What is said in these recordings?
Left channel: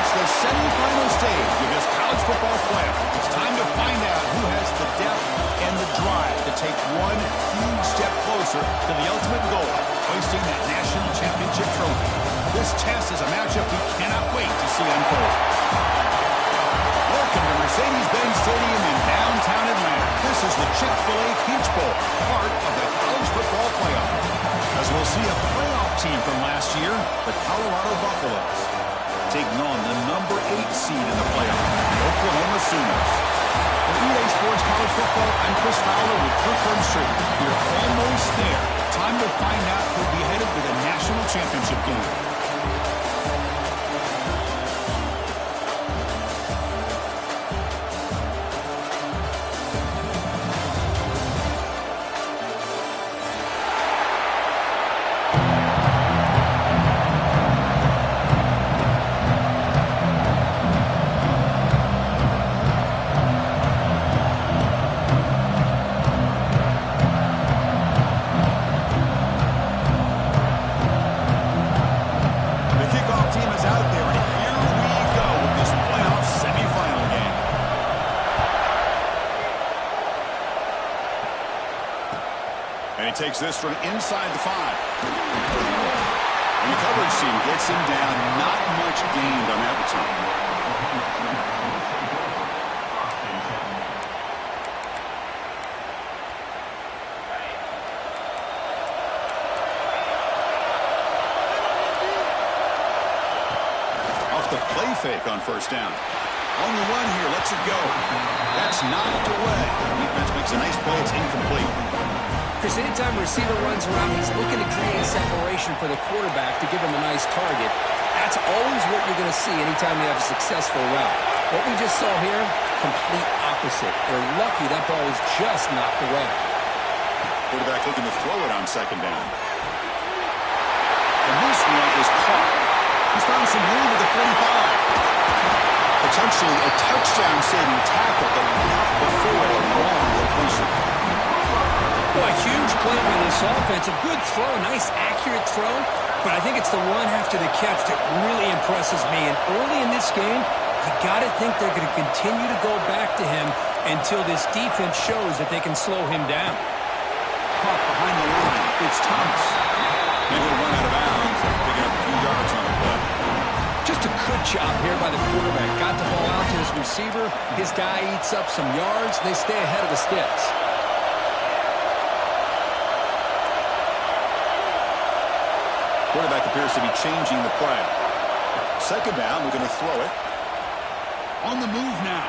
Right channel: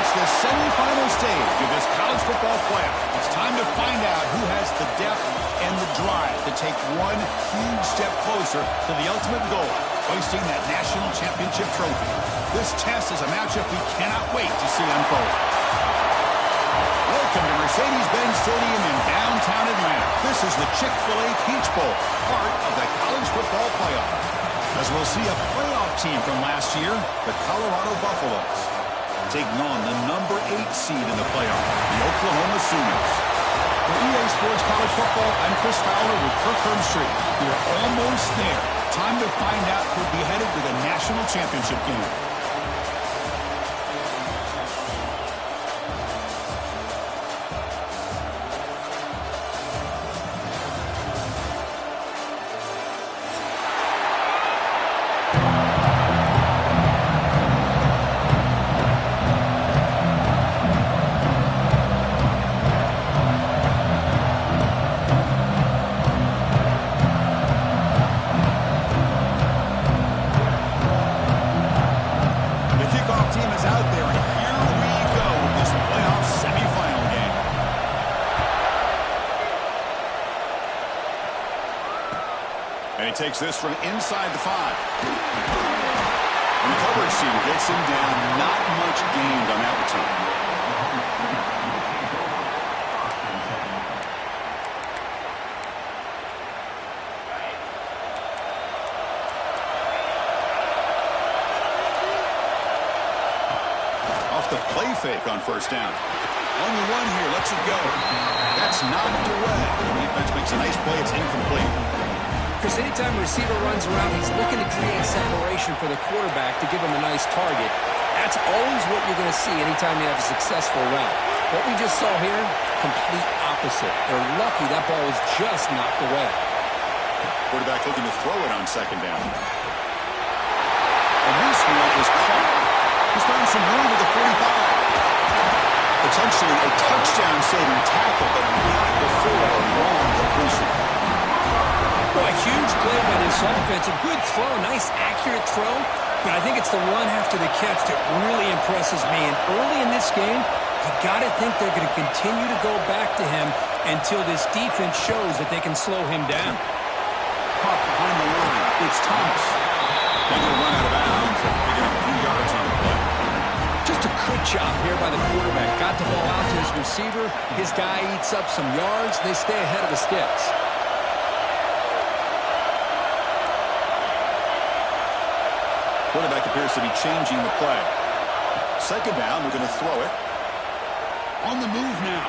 reach the semifinal stage of this college football playoff. It's time to find out who has the depth and the drive to take one huge step closer to the ultimate goal, hoisting that national championship trophy. This test is a matchup we cannot wait to see unfold. Welcome to Mercedes-Benz Stadium in downtown Atlanta. This is the Chick-fil-A Peach Bowl, part of the college football playoff. As we'll see a playoff team from last year, the Colorado Buffaloes, taking on the number 8 seed in the playoff, the Oklahoma Sooners. For EA Sports College Football, I'm Chris Fowler with Kirk Herbstreit. We're almost there. Time to find out who'll be headed to the national championship game. Takes this from inside the 5. And the coverage team gets him down. Not much gained on that return. Off the play fake on first down. On the run here, lets it go. That's knocked away. The defense makes a nice play. It's incomplete. Chris, anytime a receiver runs around, he's looking to create separation for the quarterback to give him a nice target. That's always what you're going to see anytime you have a successful route. What we just saw here, complete opposite. They're lucky that ball was just knocked away. Quarterback looking to throw it on second down. And this one is caught. He's found some room at the 45. Potentially a touchdown-saving tackle, but not before a long completion. Boy, a huge play by this offense. A good throw, a nice accurate throw. But I think it's the run after the catch that really impresses me. And early in this game, you got to think they're going to continue to go back to him until this defense shows that they can slow him down. Caught behind the line. It's Thomas. And he'll run out of bounds after picking up a few yards on the play. Just a good job here by the quarterback. Got the ball out to his receiver. His guy eats up some yards. They stay ahead of the sticks. Quarterback appears to be changing the play. Second down, we're going to throw it. On the move now.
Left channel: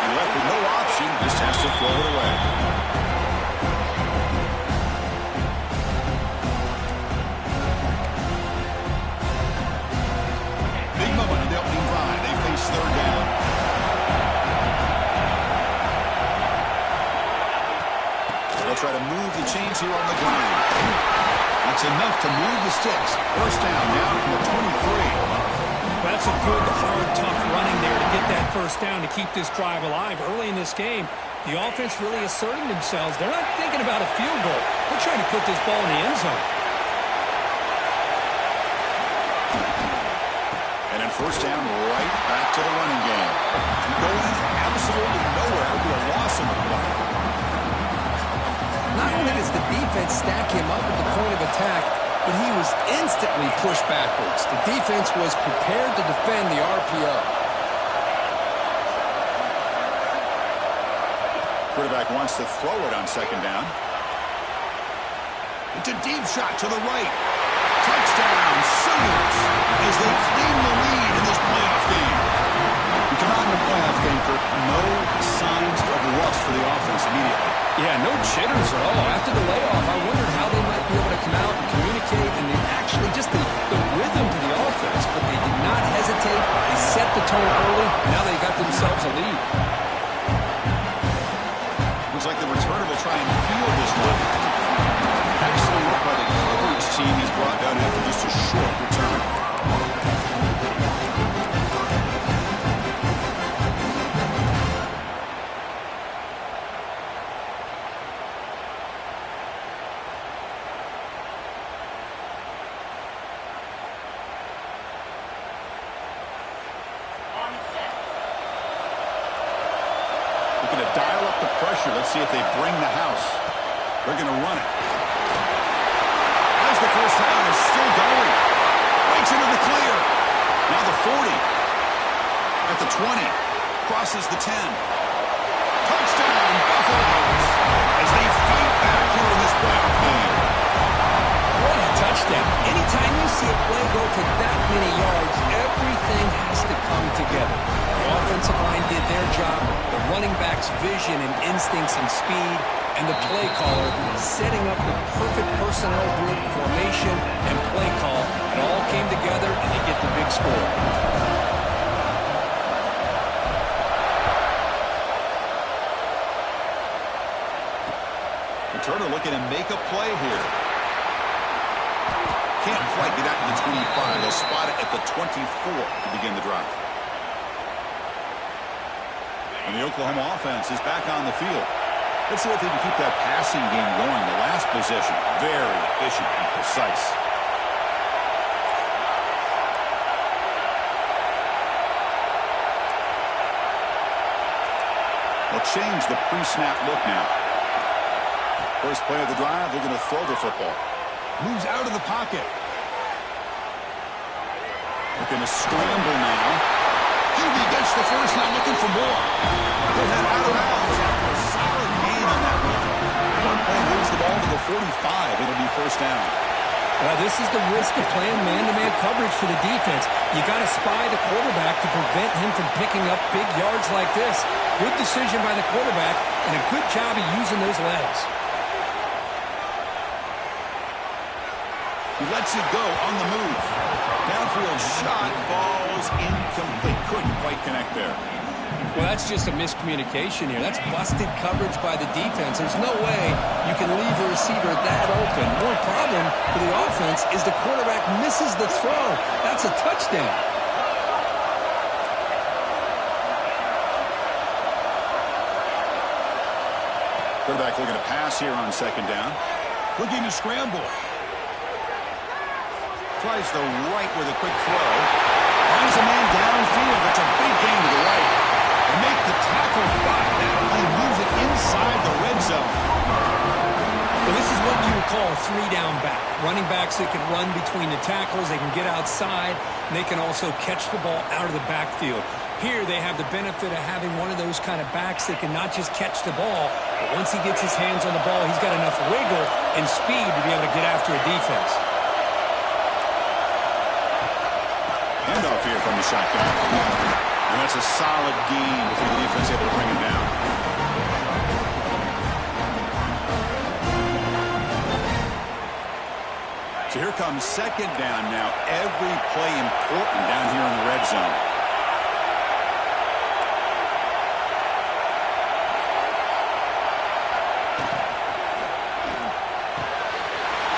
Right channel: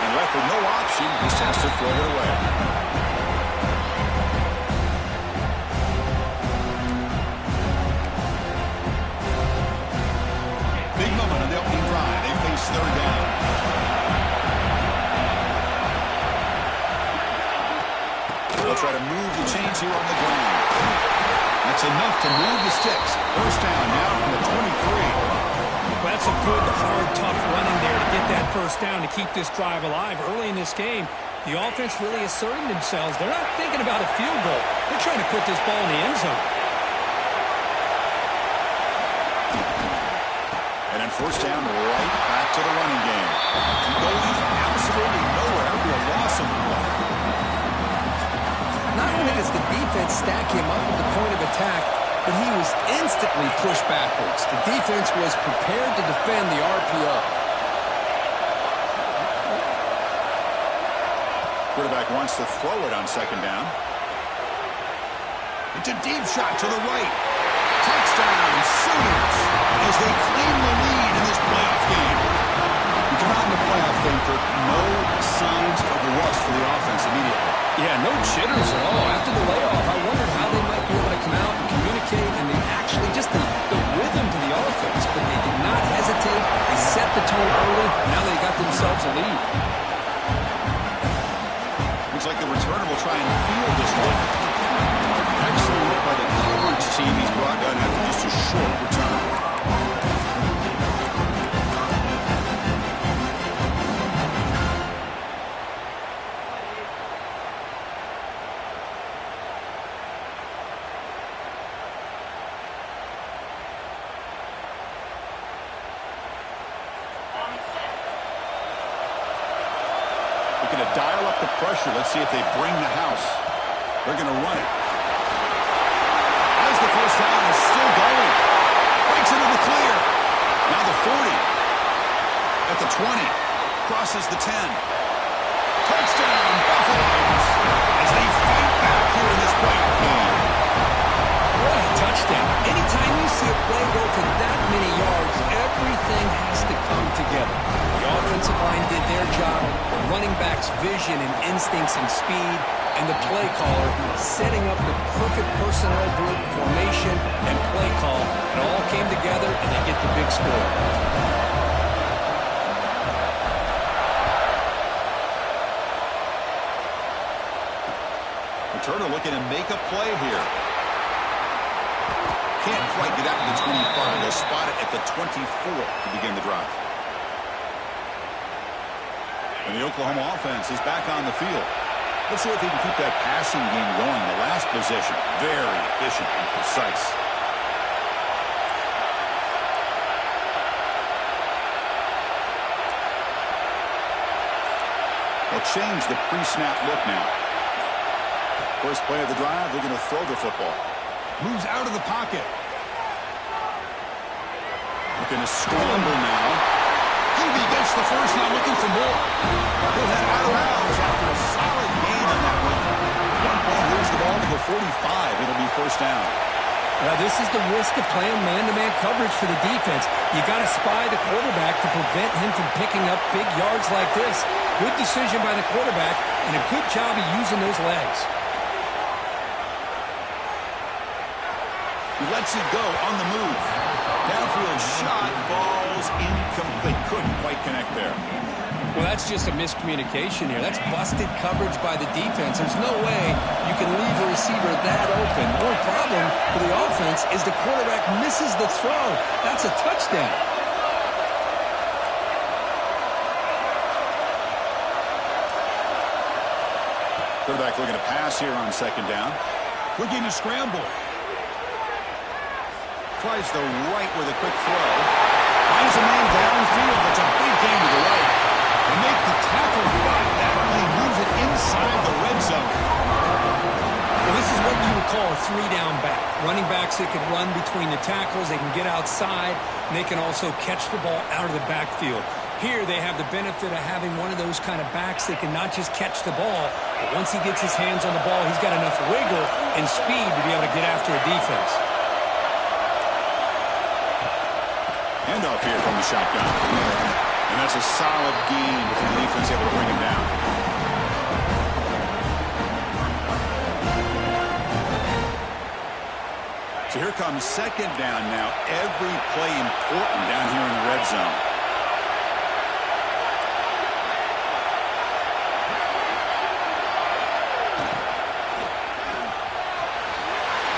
And left with no option, just has to throw it away. Big moment on the opening drive. They face third down. They'll try to move the chains here on the ground. That's enough to move the sticks. First down now from the 23. Well, that's a good, hard, tough running there to get that first down to keep this drive alive. Early in this game, the offense really asserting themselves. They're not thinking about a field goal. They're trying to put this ball in the end zone. And then first down, right back to the running game. Going absolutely nowhere. It'll be a loss on the play. Not only does the defense stack him up at the point of attack, but he was instantly pushed backwards. The defense was prepared to defend the RPO. Quarterback wants to throw it on second down. It's a deep shot to the right. Touchdown, Sooners, as they claim the lead in this playoff game. We come out in the playoff game, Kirk, no signs of rust for the offense immediately. Yeah, no jitters at all. After the layoff, I wondered how they might be able to come out and communicate, and they actually just the rhythm to the offense, but they did not hesitate. They set the tone early. Now they got themselves a lead. Looks like the returner will try and field this one. Excellent work by the coverage team. He's brought down after just a short return. looking to dial up the pressure. Let's see if they bring the house. They're going to run it. As the first down is still going. Breaks into the clear. Now the 40. At the 20. Crosses the 10. Touchdown, Buffaloes. As they fight back here in this playoff game. What a touchdown. Anytime you see a play go for that many yards, everything has to come together. The offensive line did their job, the running back's vision and instincts and speed, and the play caller setting up the perfect personnel group formation and play call. It all came together, and they get the big score. Turner looking to make a play here. Can't quite get out to the 25. They'll spot it at the 24 to begin the drive. And the Oklahoma offense is back on the field. Let's see if they can keep that passing game going. The last possession, very efficient and precise. They'll change the pre-snap look now. First play of the drive, they're going to throw the football. Moves out of the pocket. Looking to scramble now. QB gets the first, now looking for more. He'll head out of bounds after a solid gain on that run. One play moves the ball to the 45. It'll be first down. Well, this is the risk of playing man-to-man coverage for the defense. You got to spy the quarterback to prevent him from picking up big yards like this. Good decision by the quarterback and a good job of using those legs. He lets it go on the move. Downfield shot falls incomplete. Couldn't quite connect there. Well, that's just a miscommunication here. That's busted coverage by the defense. There's no way you can leave a receiver that open. More problem for the offense is the quarterback misses the throw. That's a touchdown. Quarterback looking to pass here on second down. Looking to scramble. Tries the right with a quick throw. Finds a man downfield. That's a big gain to the right. They make the tackle, but that play moves it inside the red zone. Well, this is what you would call a three-down back. Running backs that can run between the tackles. They can get outside. And they can also catch the ball out of the backfield. Here they have the benefit of having one of those kind of backs that can not just catch the ball, but once he gets his hands on the ball, he's got enough wiggle and speed to be able to get after a defense. Handoff here from the shotgun. And that's a solid gain before the defense able to bring him down. So here comes second down now. Every play important down here in the red zone.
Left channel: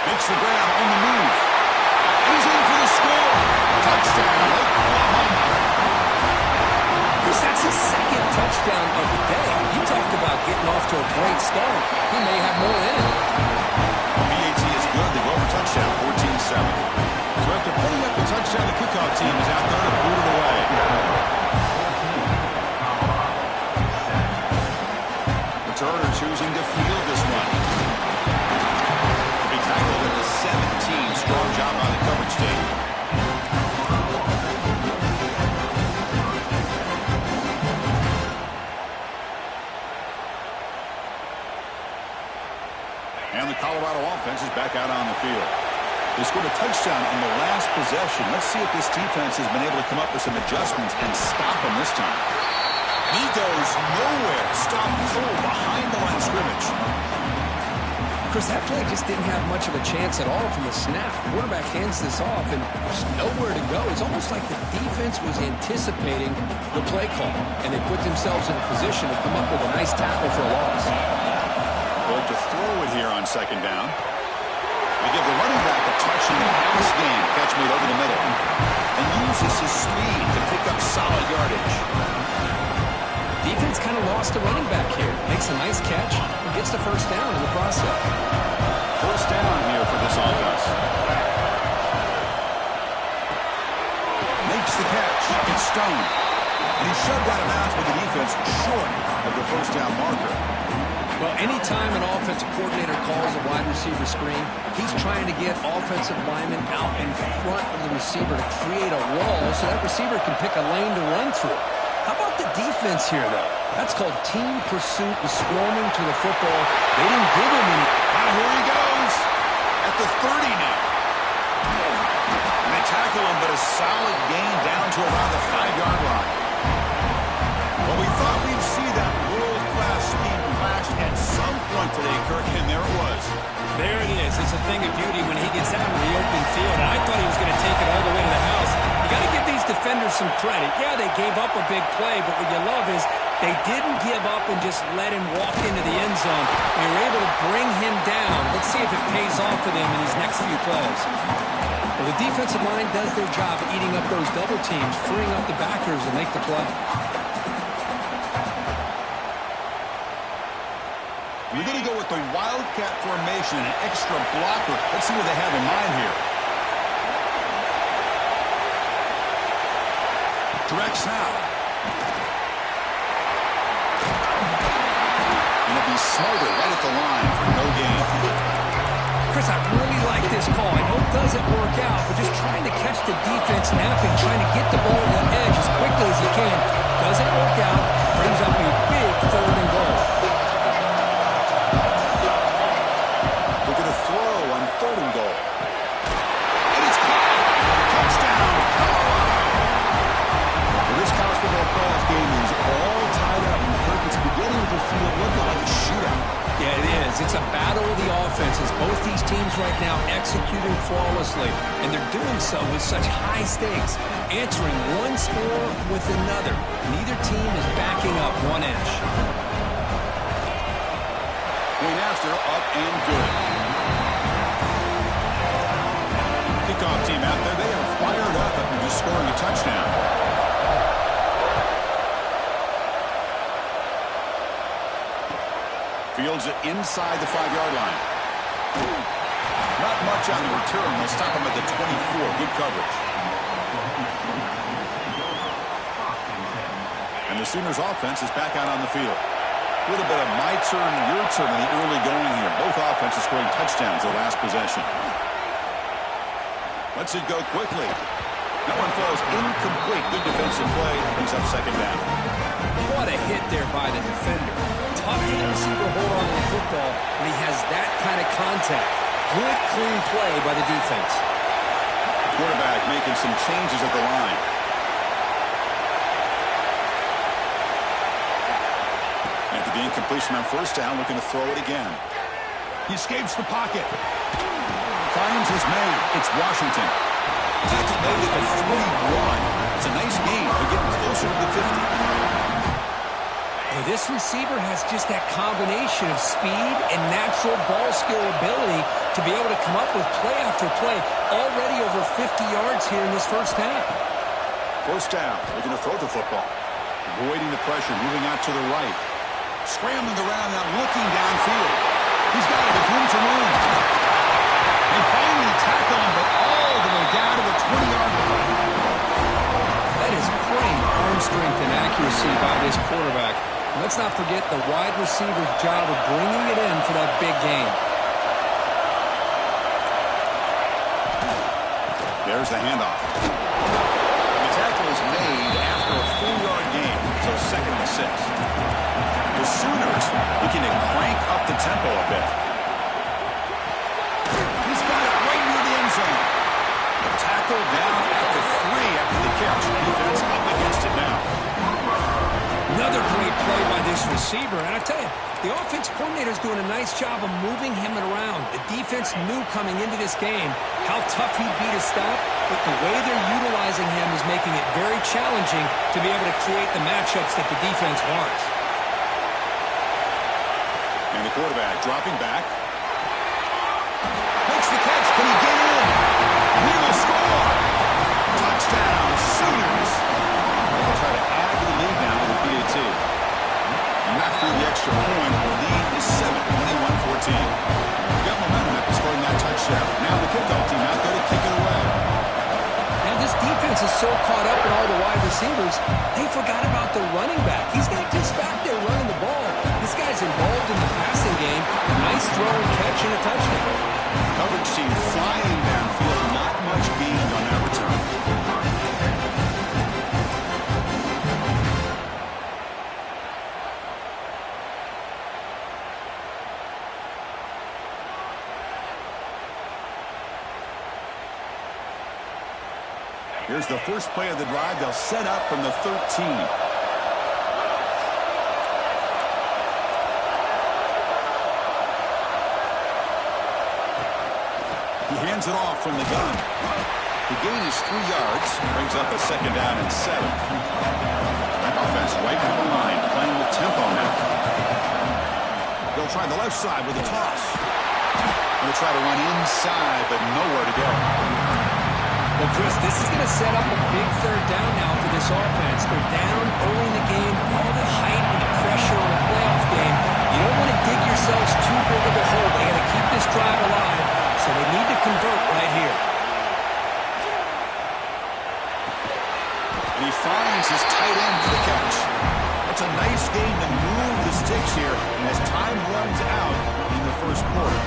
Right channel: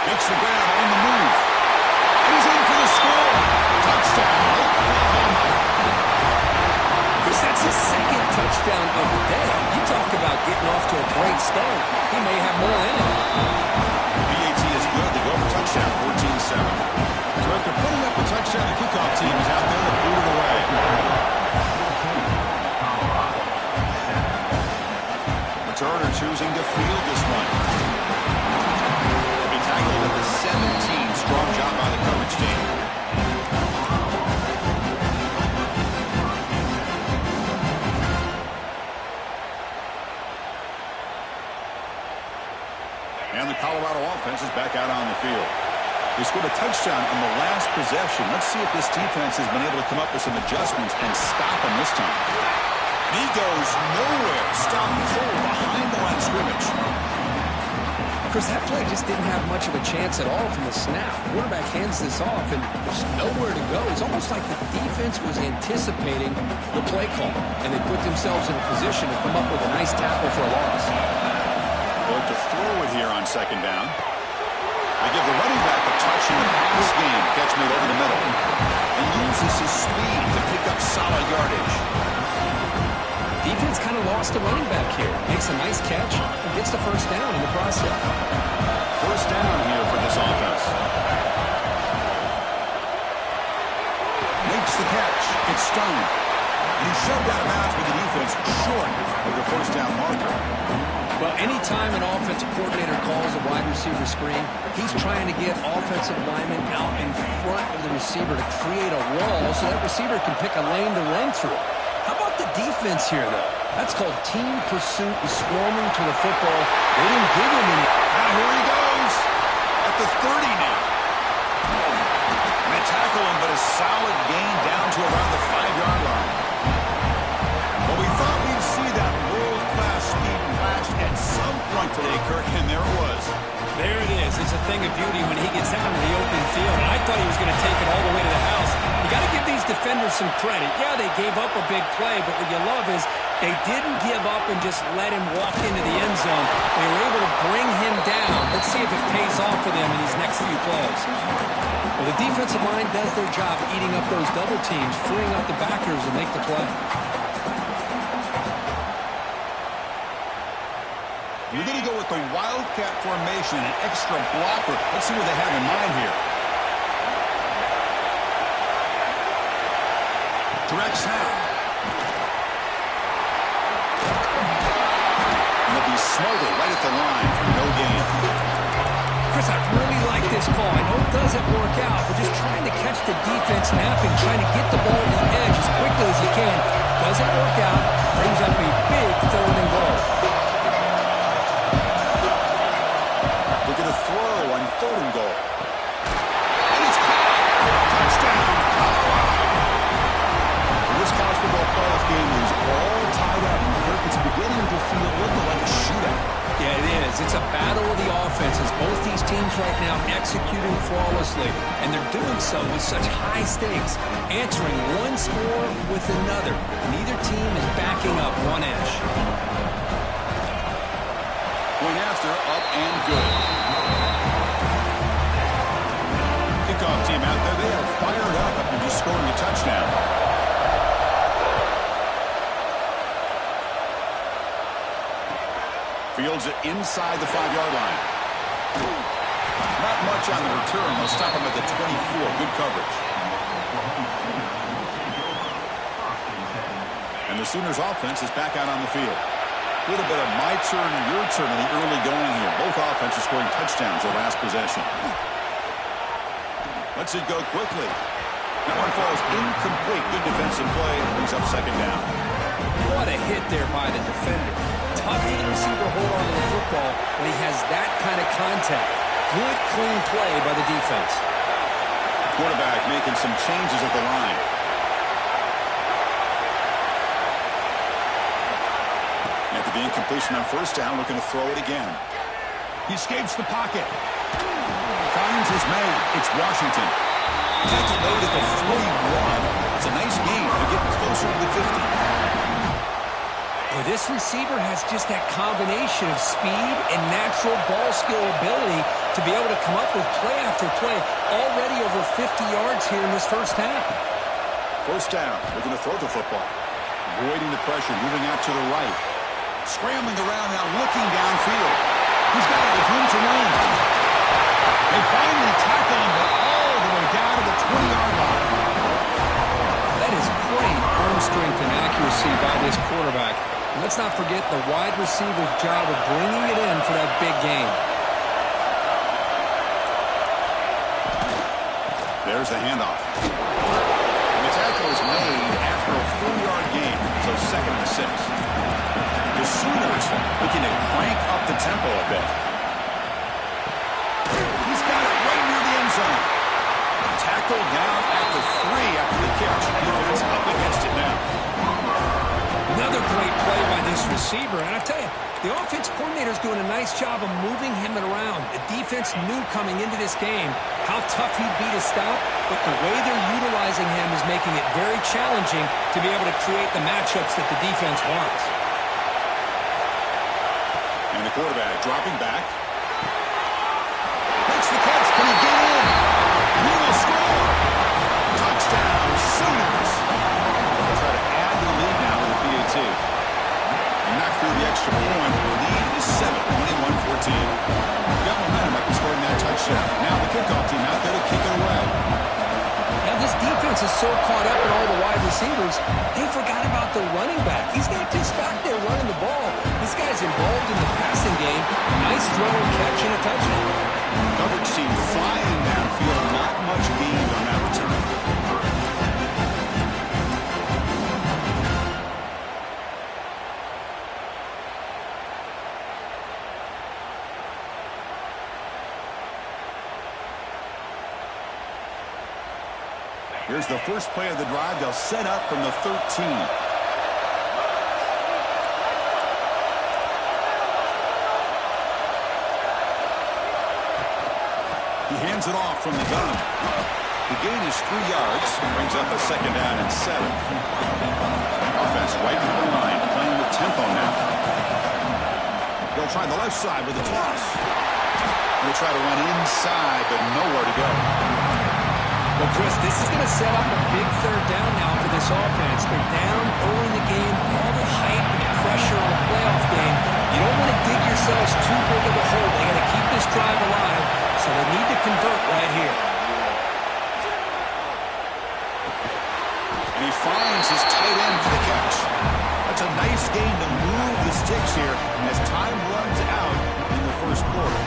Makes the grab on the move. And he's in for the score. Touchdown, Oklahoma. Chris, that's his second touchdown of the day. You talked about getting off to a great start. He may have more in it. BAT is good. They go for touchdown, 14-7. So after putting up the touchdown, the kickoff team is out there to boot it away. Returner choosing to field this one. To be tackled at the 17. Strong job by the coverage team. And the Colorado offense is back out on the field. They scored a touchdown on the last possession. Let's see if this defense has been able to come up with some adjustments and stop them this time. He goes nowhere. Stop cold behind the line of scrimmage. Chris, that play just didn't have much of a chance at all from the snap. The quarterback hands this off, and there's nowhere to go. It's almost like the defense was anticipating the play call, and they put themselves in a position to come up with a nice tackle for a loss. Look to throw it here on second down. They give the running back a touch in the pass game. Catch made over the middle. And uses his speed to pick up solid yardage. Defense kind of lost a running back here. Makes a nice catch and gets the first down in the process. First down here for this offense. Makes the catch. It's Stone. And he shoved out of bounds with the defense short of the first down marker. Well, anytime an offensive coordinator calls a wide receiver screen, he's trying to get offensive linemen out in front of the receiver to create a wall so that receiver can pick a lane to run through. How about the defense here, though? That's called team pursuit and swarming to the football. They didn't give him any. Now here he goes at the 30 now. And they tackle him, but a solid gain down to around the 5-yard line. Well, we thought we'd see that world-class speed flash at some point today, Kirk, and there it was. There it is. It's a thing of beauty when he gets out in the open field, and I thought he was going to take it all the way to the house. You got to give these defenders some credit. Yeah, they gave up a big play, but what you love is they didn't give up and just let him walk into the end zone. They were able to bring him down. Let's see if it pays off for them in these next few plays. Well, the defensive line does their job eating up those double teams, freeing up the backers to make the play. We're going to go with the Wildcat formation, an extra blocker. Let's see what they have in mind here. Direct snap. And they'll be smarter right at the line for no gain. Chris, I really like this call. I know it doesn't work out, but just trying to catch the defense napping, trying to get the ball to the edge as quickly as you can. Doesn't work out. Brings up a big 3rd and goal. Throw on 3rd and goal. And it's caught. Touchdown, Colorado. Well, this college football playoff game is all tied up. Kirk, it's beginning to feel a little like a shootout. Yeah, it is. It's a battle of the offenses. Both these teams right now executing flawlessly, and they're doing so with such high stakes, answering one score with another. Neither team is backing up one inch. Point after, up and good. Kickoff team out there, they are fired up after just scoring a touchdown. Fields it inside the 5-yard line. Not much on the return. They'll stop him at the 24. Good coverage. And the Sooners offense is back out on the field. A little bit of my turn, your turn in the early going here. Both offenses scoring touchdowns their last possession. Lets it go quickly. That one falls incomplete. Good defensive play. Brings up 2nd down. What a hit there by the defender. Tough for the receiver to hold on to the football when he has that kind of contact. Good, clean play by the defense. Quarterback making some changes at the line. After the incompletion on 1st down, looking to throw it again. He escapes the pocket. Finds his man. It's Washington. Tackle made at the 41. It's a nice gain. They're getting closer to the 50. Well, this receiver has just that combination of speed and natural ball skill ability to be able to come up with play after play. Already over 50 yards here in this 1st half. 1st down. Looking to throw the football. Avoiding the pressure. Moving out to the right. Scrambling around now. Looking downfield. He's got it. There's room to run. They finally tackle him, but all the way down to the 20-yard line. That is great arm strength and accuracy by this quarterback. And let's not forget the wide receiver's job of bringing it in for that big gain. There's the handoff. The tackle is made after a 4-yard gain, so 2nd and 6. The Sooners looking to crank up the tempo a bit. He's got it right near the end zone. Tackle down at the 3 after the catch. Defense up against it now. Another great play by this receiver. And I tell you, the offense coordinator is doing a nice job of moving him around. The defense knew coming into this game how tough he'd be to stop, but the way they're utilizing him is making it very challenging to be able to create the matchups that the defense wants. And the quarterback dropping back. Makes the catch. Can he get in? He will score. Touchdown, Sooners. They'll try to add to the lead now with a PAT. And knock through the extra point. The lead is 7, 21-14. Got momentum after scoring that touchdown. Now the kickoff team out there to kick it away. Now this defense defense is so caught up in all the wide receivers, they forgot about the running back. He's not just back there running the ball. This guy's involved in the passing game. Nice throw and catch and a touchdown. Coverage team flying downfield. Not much gained on that return. Here's the first play of the drive. They'll set up from the 13. He hands it off from the gun. The gain is 3 yards. Brings up a 2nd down and 7. Offense right from the line, playing with tempo now. They'll try the left side with a toss. They'll try to run inside, but nowhere to go. Well, Chris, this is going to set up a big 3rd down now for this offense. They're down early in the game, all the hype and the pressure on a playoff game. You don't want to dig yourselves too big of a hole. They got to keep this drive alive, so they need to convert right here. And he finds his tight end for the catch. That's a nice gain to move the sticks here as time runs out in the first quarter.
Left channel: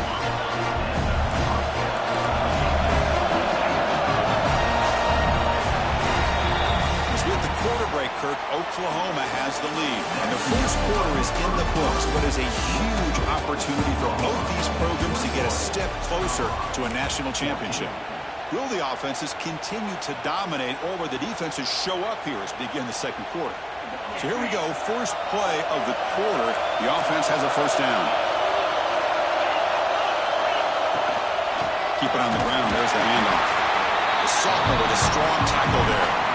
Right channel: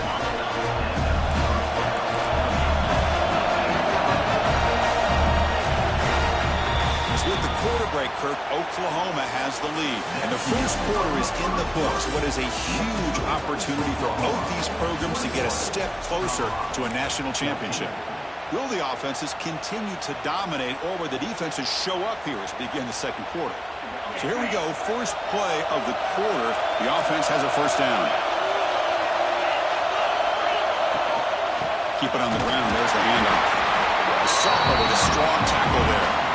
With the quarter break, Kirk, Oklahoma has the lead. And the first quarter is in the books. What is a huge opportunity for both these programs to get a step closer to a national championship. Will the offenses continue to dominate, or will the defenses show up here as we begin the second quarter? So here we go, first play of the quarter. The offense has a first down. Keep it on the ground. There's the handoff. The sophomore with a strong tackle there.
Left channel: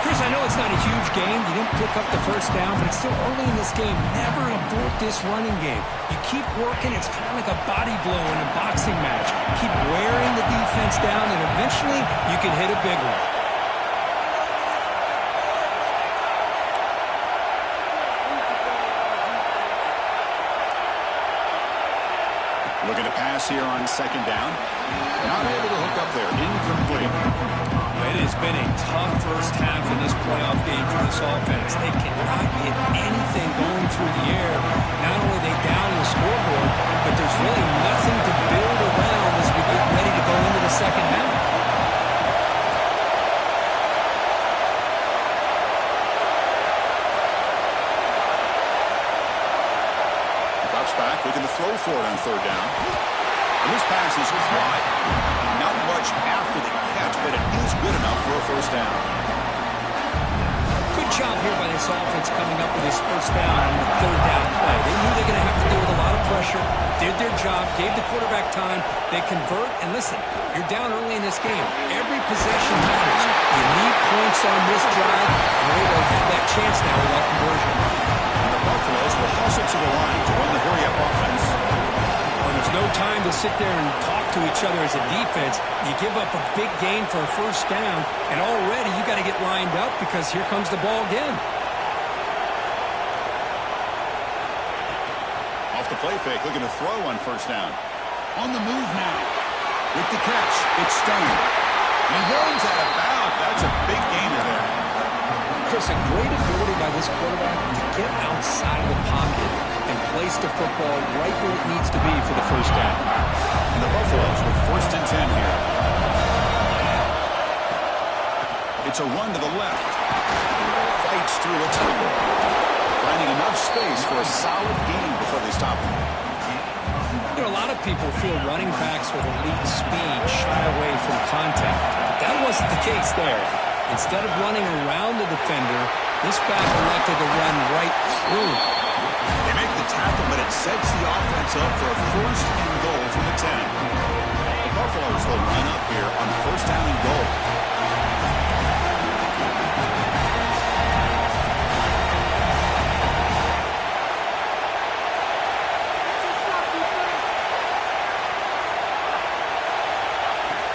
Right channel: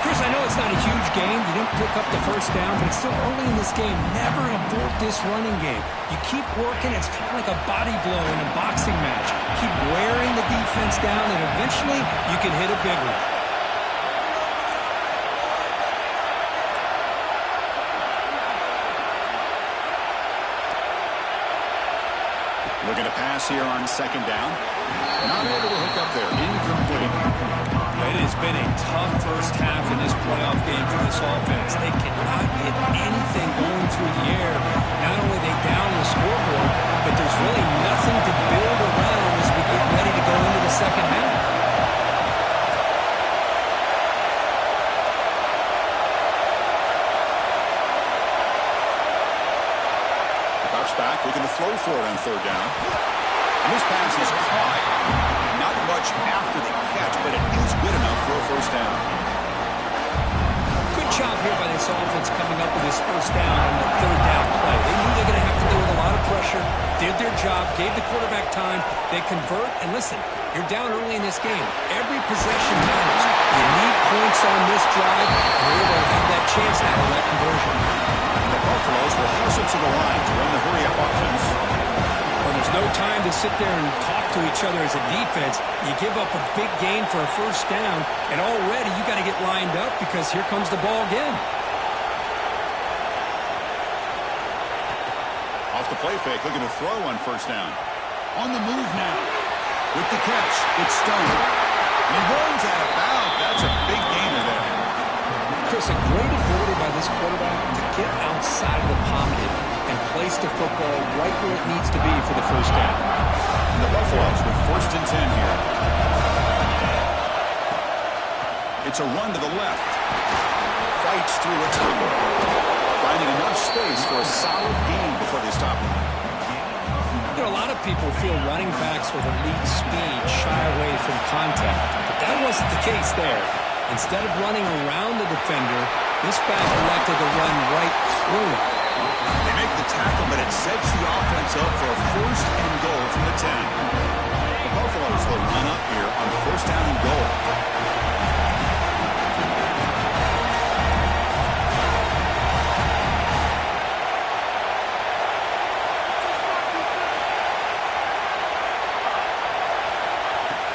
Chris, I know it's not a huge game. You didn't pick up the first down, but it's still early in this game. Never abort this running game. You keep working. It's kind of like a body blow in a boxing match. Keep wearing the defense down, and eventually you can hit a big one. Looking to pass here on 2nd down. Not able to hook up there. Incomplete. It has been a tough first half in this playoff game for this offense. They cannot get anything going through the air. Not only are they down the scoreboard, but there's really nothing to build around as we get ready to go into the second half. Drops back, looking to throw for it on 3rd down. And this pass is caught. Not much after the catch, but it is good enough for a first down. Good job here by this offense coming up with his first down on the 3rd down play. They knew they're going to have to deal with a lot of pressure, did their job, gave the quarterback time. They convert, and listen, you're down early in this game. Every possession matters. You need points on this drive, and they're able to have that chance now with that conversion. And the Buffaloes will hustle to the line to run the hurry-up offense. Well, there's no time to sit there and talk to each other as a defense. You give up a big gain for a first down, and already you got to get lined up because here comes the ball again. Off the play fake, looking to throw on 1st down. On the move now. With the catch, it's Stone. And he runs out of bounds. That's a big gainer there. Chris, a great ability by this quarterback to get outside of the pocket and place the football right where it needs to be for the first down. And the Buffaloes with 1st and 10 here. It's a run to the left. Fights through a tackle. Finding enough space for a solid gain before they stop him. You know, a lot of people feel running backs with elite speed shy away from contact, but that wasn't the case there. Instead of running around the defender, this back elected to run right through him. They make the tackle, but it sets the offense up for a 1st and goal from the 10. The Buffaloes will line up here on 1st down and goal.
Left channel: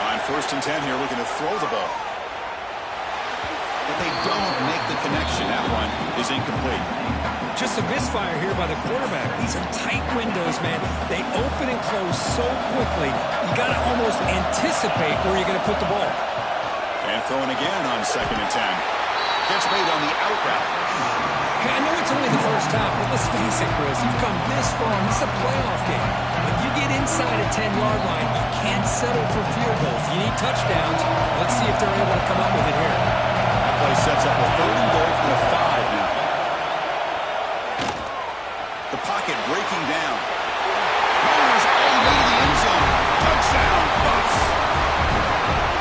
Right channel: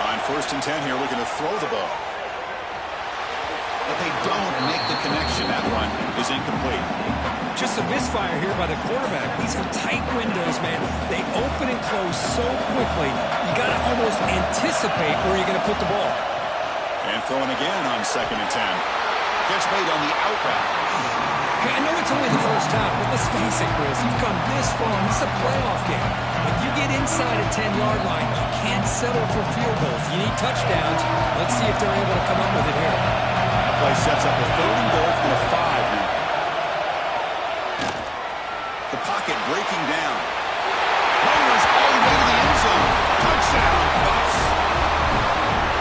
On 1st and 10 here, looking to throw the ball. But they don't make the connection. That one is incomplete. Just a misfire here by the quarterback. These are tight windows, man. They open and close so quickly. You got to almost anticipate where you're going to put the ball. And throwing again on 2nd and 10. Catch made on the out route. Hey, I know it's only the first half, but let's face it, Chris. You've come this far, and this is a playoff game. When you get inside a 10-yard line, you can't settle for field goals. You need touchdowns. Let's see if they're able to come up with it here. That play sets up a 3rd and goal from the 5 now. The pocket breaking down. Motors all the way to the end zone. Touchdown, Bucks.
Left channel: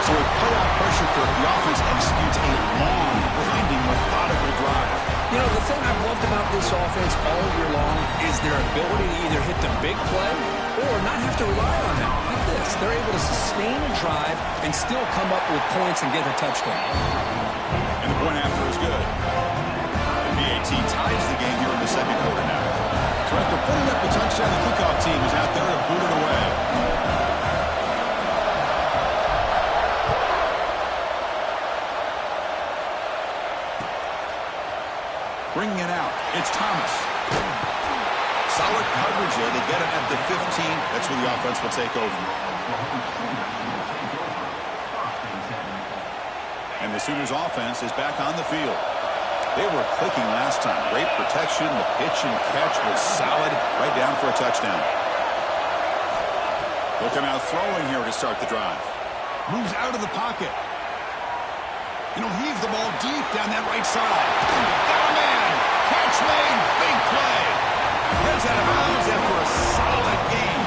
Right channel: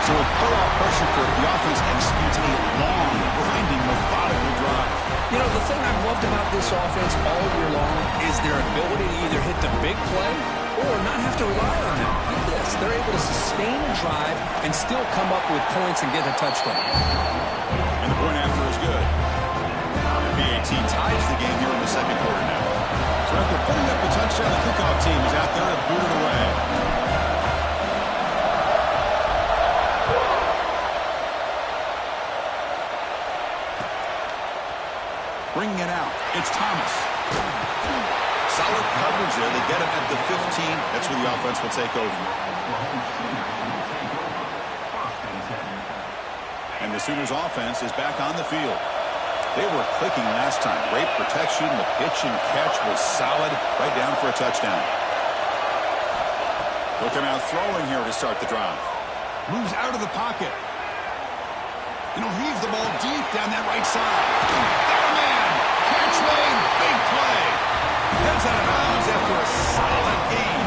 So with playoff pressure for the offense executes a long, grinding, methodical drive. You know, the thing I've loved about this offense all year long is their ability to either hit the big play or not have to rely on them. Like this, they're able to sustain a drive and still come up with points and get a touchdown. And the point after is good. The BAT ties the game here in the 2nd quarter now. So after putting up a touchdown, the kickoff team is out there to boot it away. Bringing it out, it's Thomas. Solid coverage there. They get him at the 15. That's where the offense will take over. And the Sooners offense is back on the field. They were clicking last time. Great protection. The pitch and catch was solid. Right down for a touchdown. They'll come out throwing here to start the drive. Moves out of the pocket. And he'll heave the ball deep down that right side. Got a man. Catch made. Big play. Heads out of bounds after a solid game.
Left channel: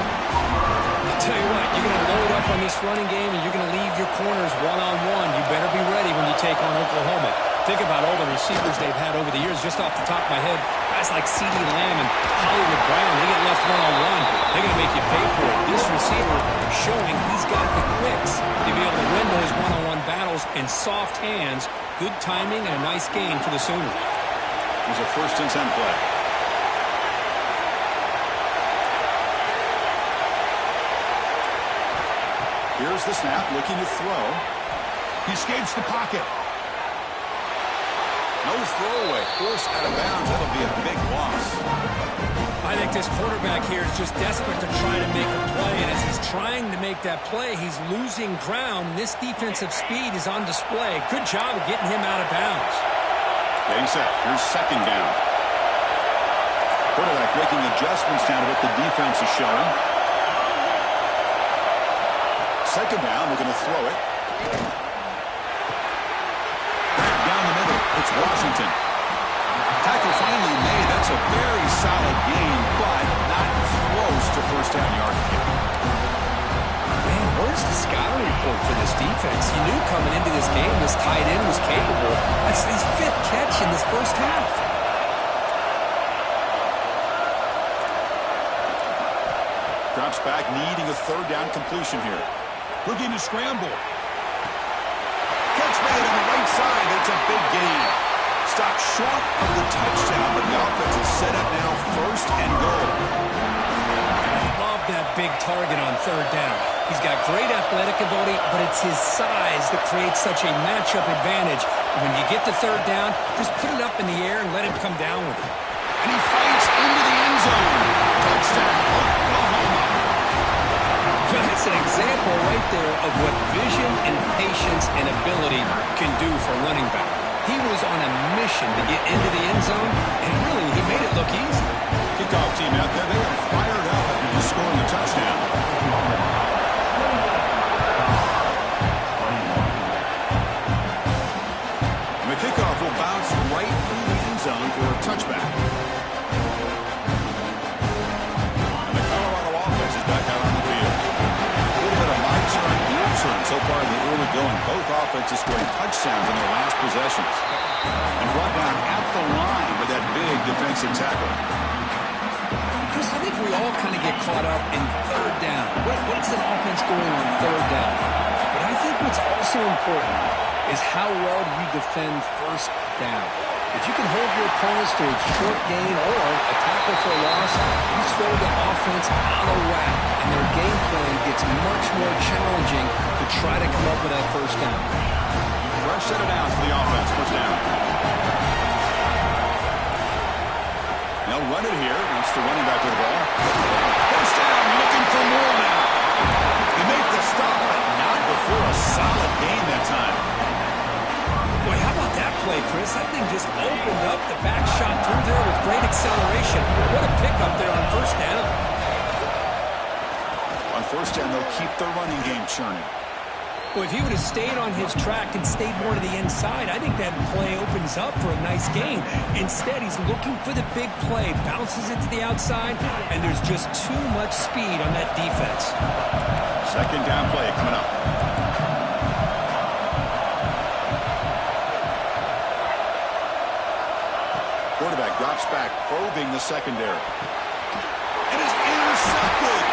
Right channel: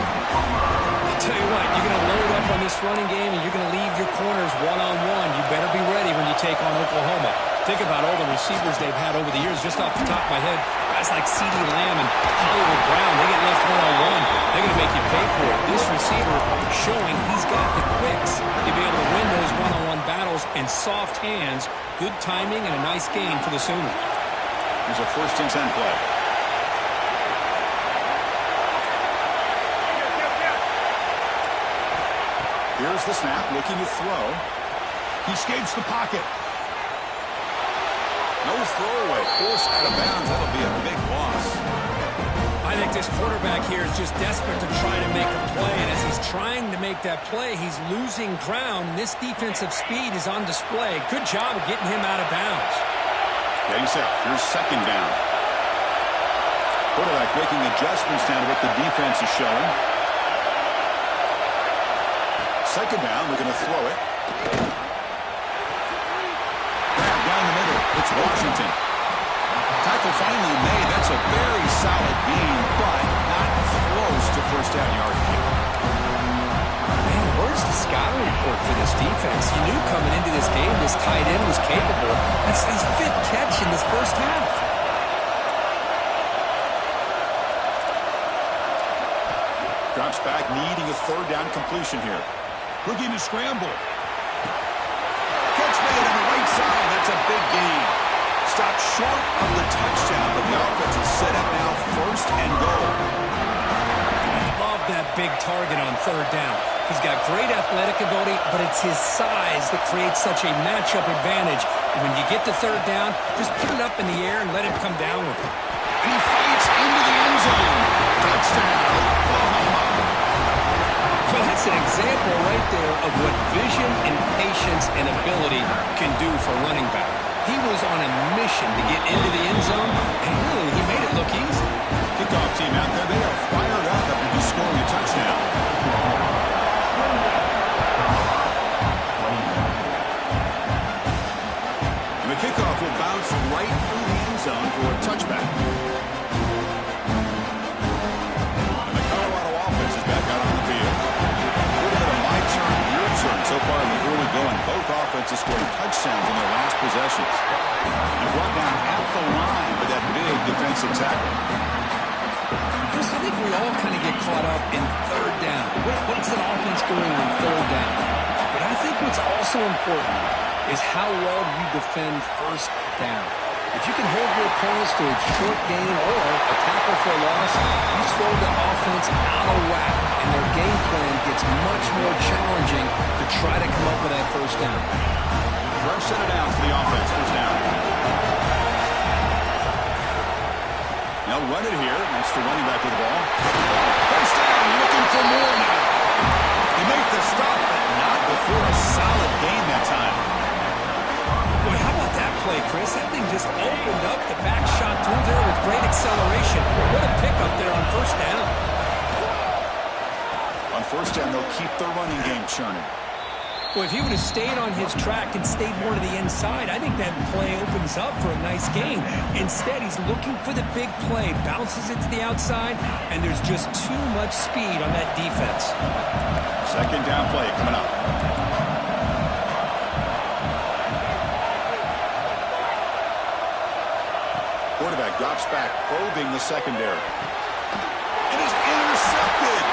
I'll tell you what, you're going to load up on this running game and you're going to leave your corners one-on-one. You better be ready when you take on Oklahoma. Think about all the receivers they've had over the years. Just off the top of my head, guys like CeeDee Lamb and Hollywood Brown, they get left one-on-one. They're going to make you pay for it. This receiver showing he's got the quicks to be able to win those one-on-one battles in soft hands. Good timing and a nice gain for the Sooners. Here's a 1st and 10 play. Here's the snap, looking to throw. He escapes the pocket. No throwaway. Forced out of bounds. That'll be a big loss. I think this quarterback here is just desperate to try to make a play, and as he's trying to make that play, he's losing ground. This defensive speed is on display. Good job of getting him out of bounds. Getting set. Here's 2nd down. Quarterback making adjustments down to what the defense is showing. 2nd down. Looking to throw it. Grab down the middle. It's Washington. Tackle finally made. That's a very solid gain, but not close to 1st down yardage. Man, where's the scouting report for this defense? You knew coming into this game this tight end was capable. That's his 5th catch in this first half. Drops back, needing a 3rd down completion here. Looking to scramble. Catch made on the right side. That's a big gain. Stopped short of the touchdown, but the offense is set up now 1st and goal. I love that big target on 3rd down. He's got great athletic ability, but it's his size that creates such a matchup advantage. When you get to 3rd down, just put it up in the air and let him come down with it. And he fights into the end zone. Touchdown, Oklahoma. Well, that's an example right there of what vision and patience and ability can do for a running back. He was on a mission to get into the end zone, and really, he made it look easy. Kickoff team out there, they are fired up after just scoring a touchdown. And the kickoff will bounce right through the end zone for a touchback. And the Colorado offense is back out on the field. A little bit of my turn, your turn so far in the early going. Both offenses scoring touchdowns in their last possessions. And brought down at the line with that big defensive tackle. Chris, I think we all kind of get caught up in 3rd down. What's an offense doing on 3rd down? But I think what's also important is how well you defend 1st down. If you can hold your opponents to a short gain or a tackle for a loss, you throw the offense out of whack, and their game plan gets much more challenging to try to come up with that 1st down. Fresh set of downs for the offense. 1st down. They'll run it here. That's the running back with the ball. 1st down, looking for more now. They make the stop, but not before a solid gain that time. Boy, how about that play, Chris? That thing just opened up. The back shot through there with great acceleration. What a pickup there on first down. On first down, they'll keep their running game churning. Well, if he would have stayed on his track and stayed more to the inside, I think that play opens up for a nice game. Instead, he's looking for the big play, bounces it to the outside, and there's just too much speed on that defense. Second down play coming up. Quarterback drops back, probing the secondary. It is intercepted.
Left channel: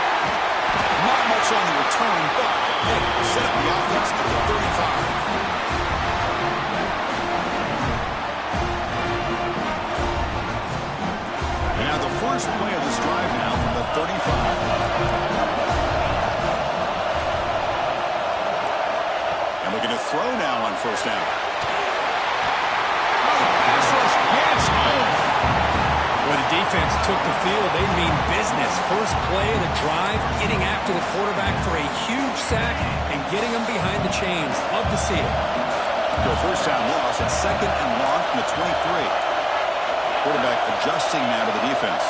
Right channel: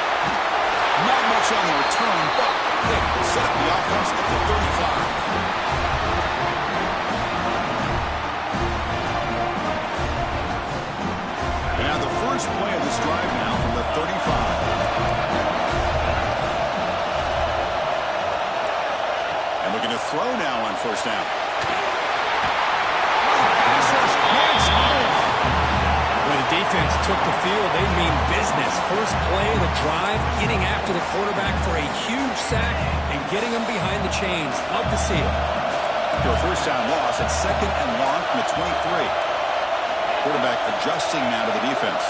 Not much on the return, but the pick will set up the offense at the 35. And now the first play of this drive now from the 35. And looking to throw now on first down. Pass rush gets home. Well, the defense took the field. They mean business. First play of the drive, getting after the quarterback for a huge sack and getting him behind the chains. Love to see it. To a first down loss at second and long from the 23. Quarterback adjusting now to the defense.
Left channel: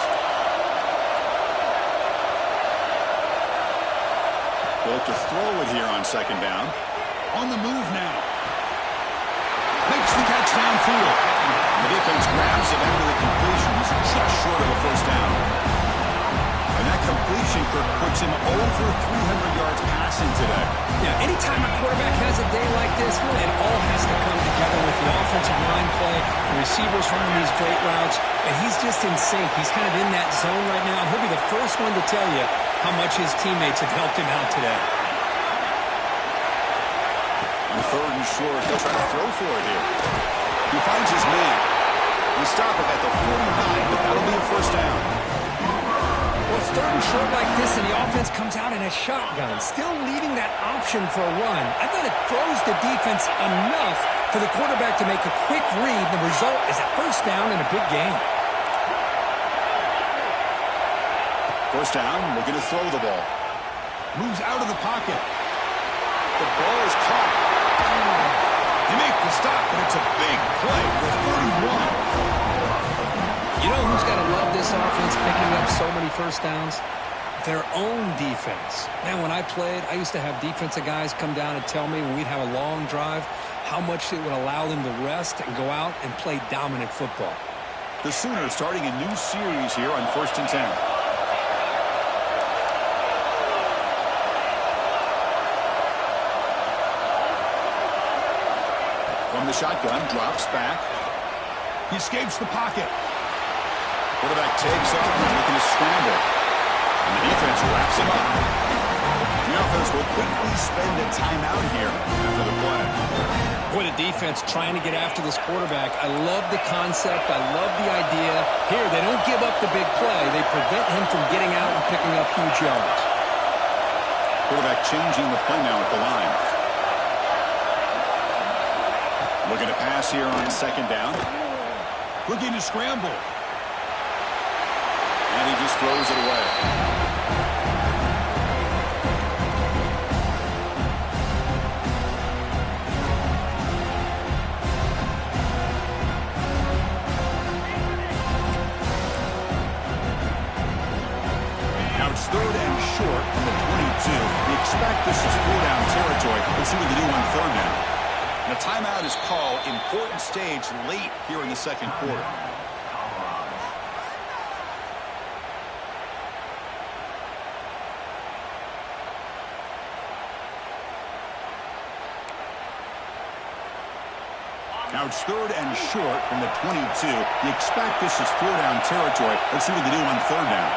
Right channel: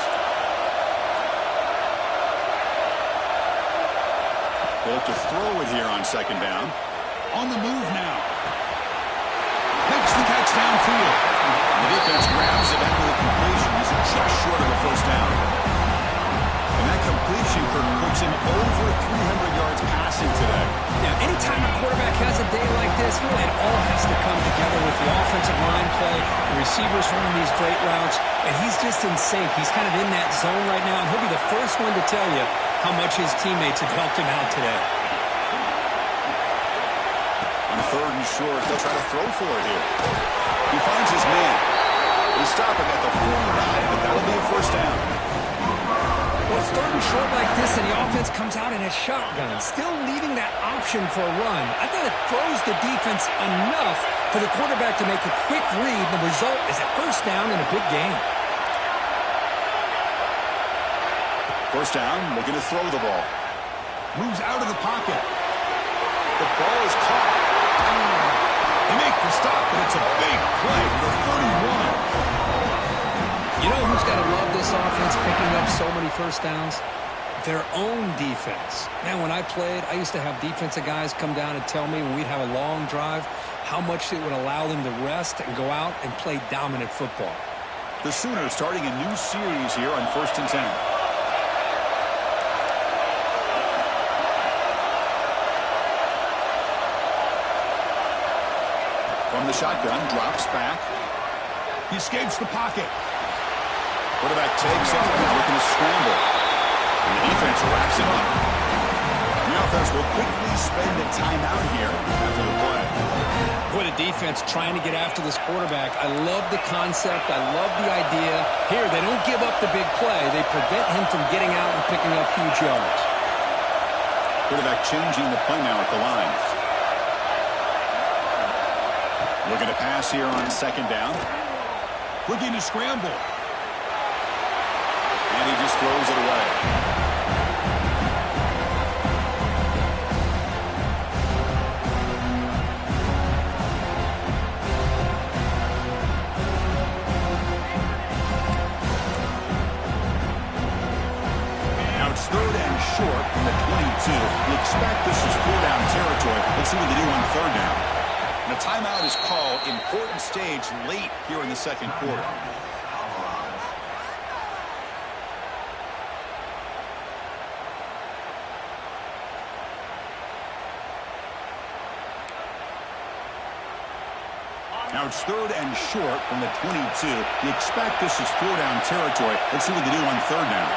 They'll look to throw it here on second down. On the move now. Makes the catch downfield. The defense grabs it after the completion. He's just short of a first down. And that completion, Kirk, puts him over 300 yards passing today. Yeah, anytime a quarterback has a day like this, really, it all has to come together with the offensive line play, the receivers running these great routes, and he's just in sync. He's kind of in that zone right now, and he'll be the first one to tell you how much his teammates have helped him out today. On third and short, they'll try to throw for it here. He finds his man. They stop it at the 49, but that'll be a first down. Well, it's third and short like this, and the offense comes out in a shotgun, still leaving that option for a run. I thought it throws the defense enough for the quarterback to make a quick read. The result is a first down and a big gain. First down, looking to throw the ball. Moves out of the pocket. The ball is caught. They make the stop, but it's a big play for 31. You know who's got to love this offense picking up so many first downs? Their own defense. Man, when I played, I used to have defensive guys come down and tell me when we'd have a long drive how much it would allow them to rest and go out and play dominant football. The Sooners starting a new series here on 1st and 10. From the shotgun, drops back. He escapes the pocket. Quarterback takes off and looking to scramble. And the defense wraps him up. The offense will quickly spend a timeout here after the play. Boy, the defense trying to get after this quarterback. I love the concept. I love the idea. Here, they don't give up the big play. They prevent him from getting out and picking up huge yards. Quarterback changing the play now at the line. Looking to pass here on second down. Looking to scramble. And he just throws it away. Now it's third and short from the 22. You expect this is 4-down territory. Let's see what they do on third down. And a timeout is called. Important stage late here in the second quarter. Now it's third and short from the 22. You expect this is 4-down territory. Let's see what they do on third down.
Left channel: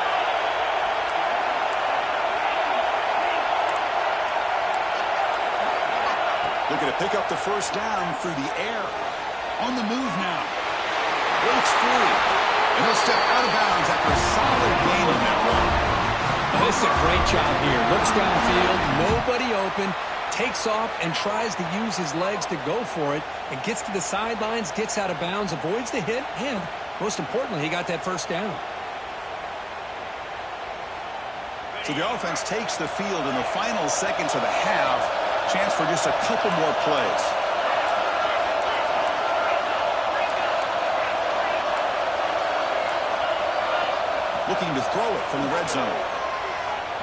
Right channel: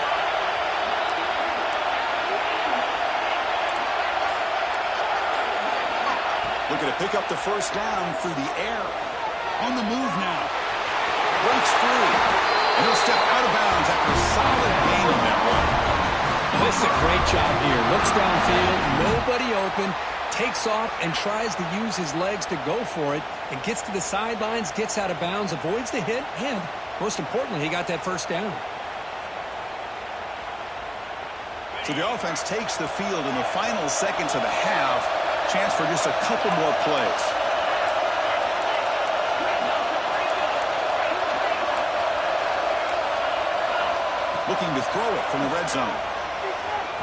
Looking to pick up the first down through the air. On the move now. Breaks free. And he'll step out of bounds after a solid gain on that run. Well, this is a great job here. Looks downfield, nobody open, takes off and tries to use his legs to go for it, and gets to the sidelines, gets out of bounds, avoids the hit, and most importantly, he got that first down. So the offense takes the field in the final seconds of the half. Chance for just a couple more plays. looking to throw it from the red zone.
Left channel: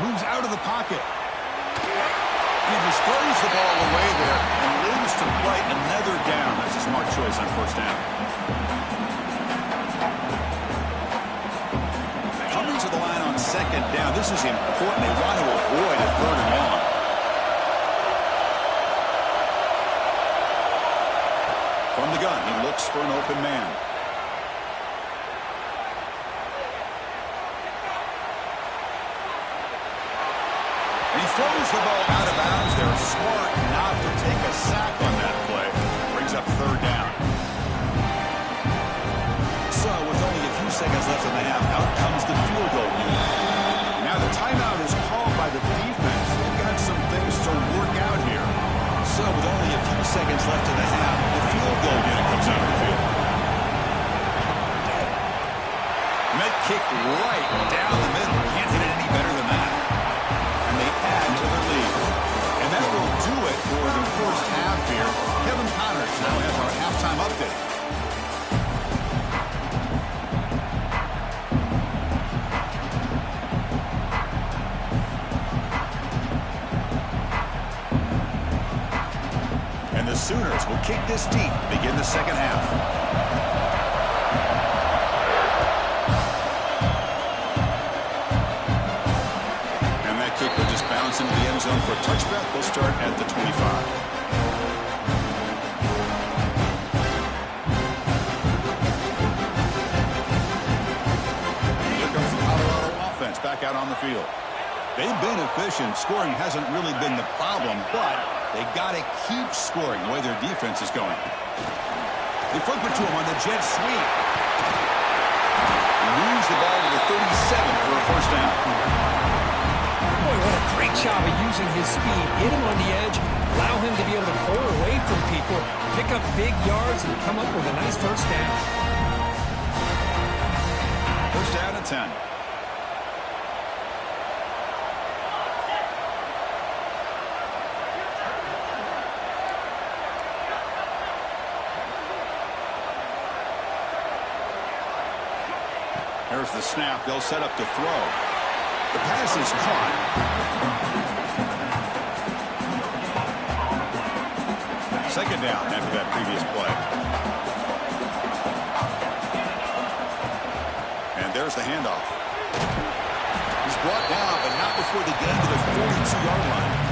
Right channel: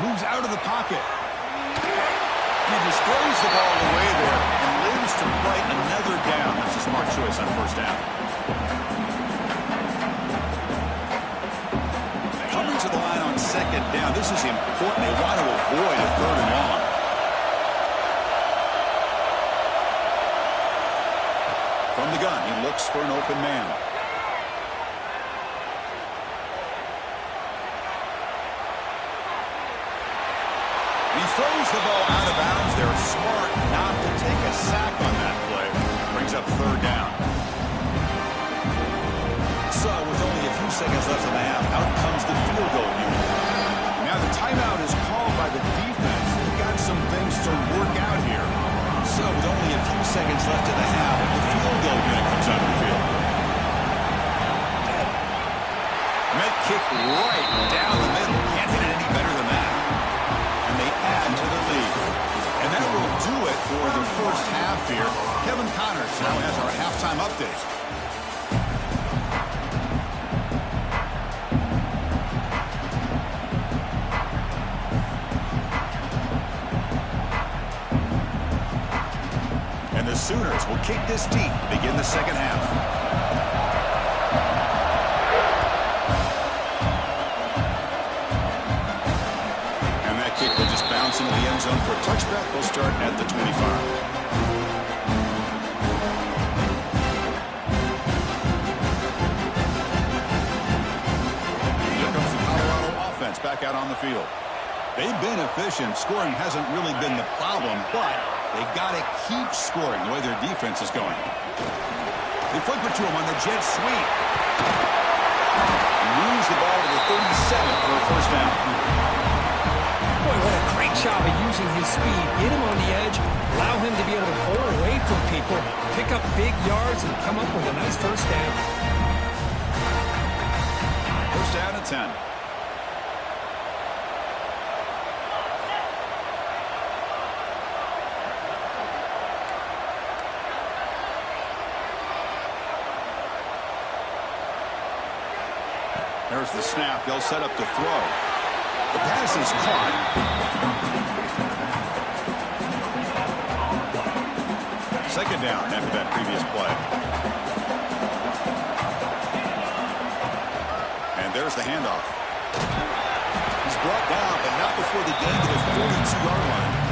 Moves out of the pocket. And he just throws the ball away there and lives to play another down. That's a smart choice on first down. Coming to the line on second down. This is important. They want to avoid a third and long. From the gun, he looks for an open man. He throws the ball out of bounds. They're smart not to take a sack on that play. Brings up third down. So with only a few seconds left in the half, out comes the field goal unit. Now the timeout is called by the defense. They've got some things to work out here. So with only a few seconds left in the half, the field goal unit comes out of the field. Met kick right down the middle. Can't hit it any better than that. And they add to their lead. And that will do it for the first half here. Kevin Connors now has our halftime update. And the Sooners will kick this deep, begin the second half. And that kick will just bounce into the end zone for a touchback. They'll start at the 25. Here comes the Colorado offense back out on the field. They've been efficient. Scoring hasn't really been the problem, but they got to keep scoring the way their defense is going. They flip it to him on the jet sweep. Moves the ball to the 37 for a first down. Boy, what a great job of using his speed. Get him on the edge, allow him to be able to pull away from people, pick up big yards, and come up with a nice first down. First down at 10. There's the snap. They'll set up to throw. The pass is caught. Second down after that previous play. And there's the handoff. He's brought down, but not before the gain to the 42-yard line.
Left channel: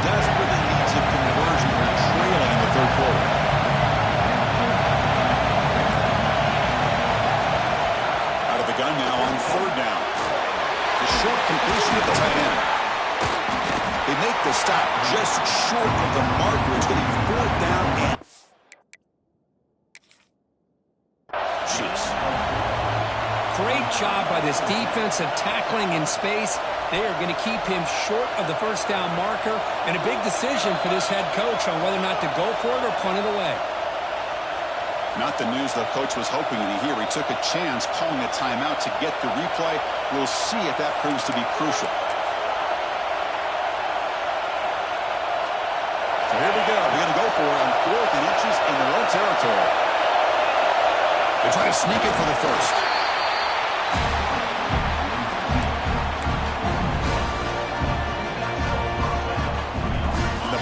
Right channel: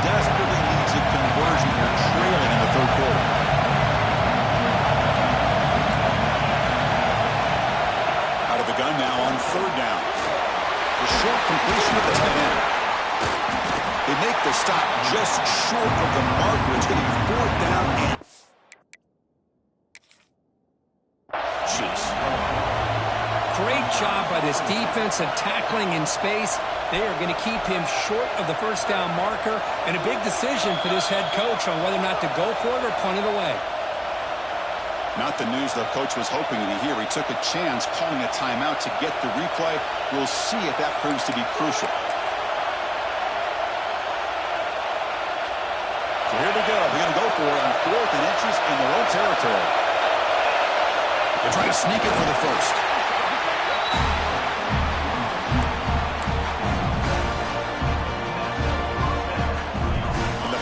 Desperately needs a conversion here, trailing in the third quarter. Out of the gun now on third down. The short completion at the tight end. They make the stop just short of the marker. It's going to be fourth down and... Jeez. Great job by this defensive tackling in space. They are going to keep him short of the first down marker, and a big decision for this head coach on whether or not to go for it or punt it away. Not the news the coach was hoping to hear. He took a chance calling a timeout to get the replay. We'll see if that proves to be crucial. So here we go. They're going to go for it on 4th and inches in their own territory. They try to sneak it for the first.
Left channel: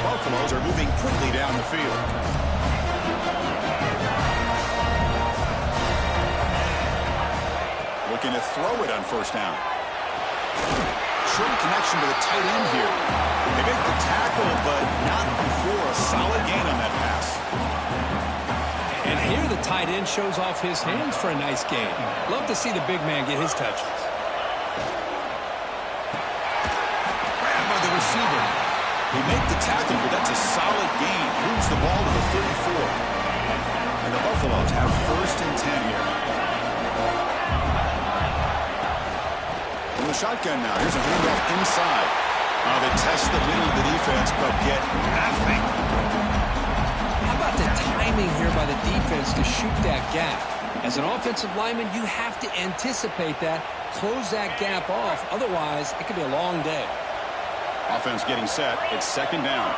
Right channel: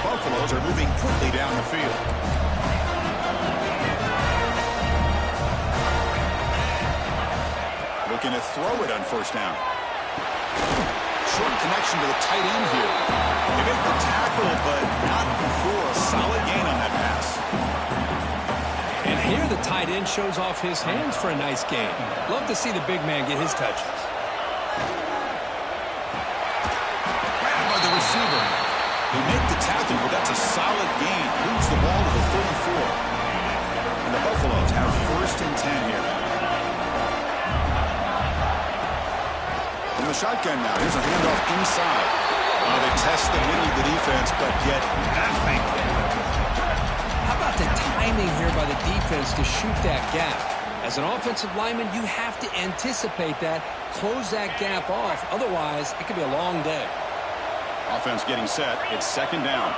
Buffaloes are moving quickly down the field. Looking to throw it on first down. Short connection to the tight end here. They make the tackle, but not before a solid gain on that pass. And here the tight end shows off his hands for a nice gain. Love to see the big man get his touches. Grabbed by the receiver. They make the tackle, but that's a solid gain. Moves the ball to the 34. And the Buffaloes have first and 10 here. From the shotgun now. Here's a handoff inside. They test the middle of the defense, but get nothing. How about the timing here by the defense to shoot that gap? As an offensive lineman, you have to anticipate that, close that gap off. Otherwise, it could be a long day. Offense getting set. It's second down.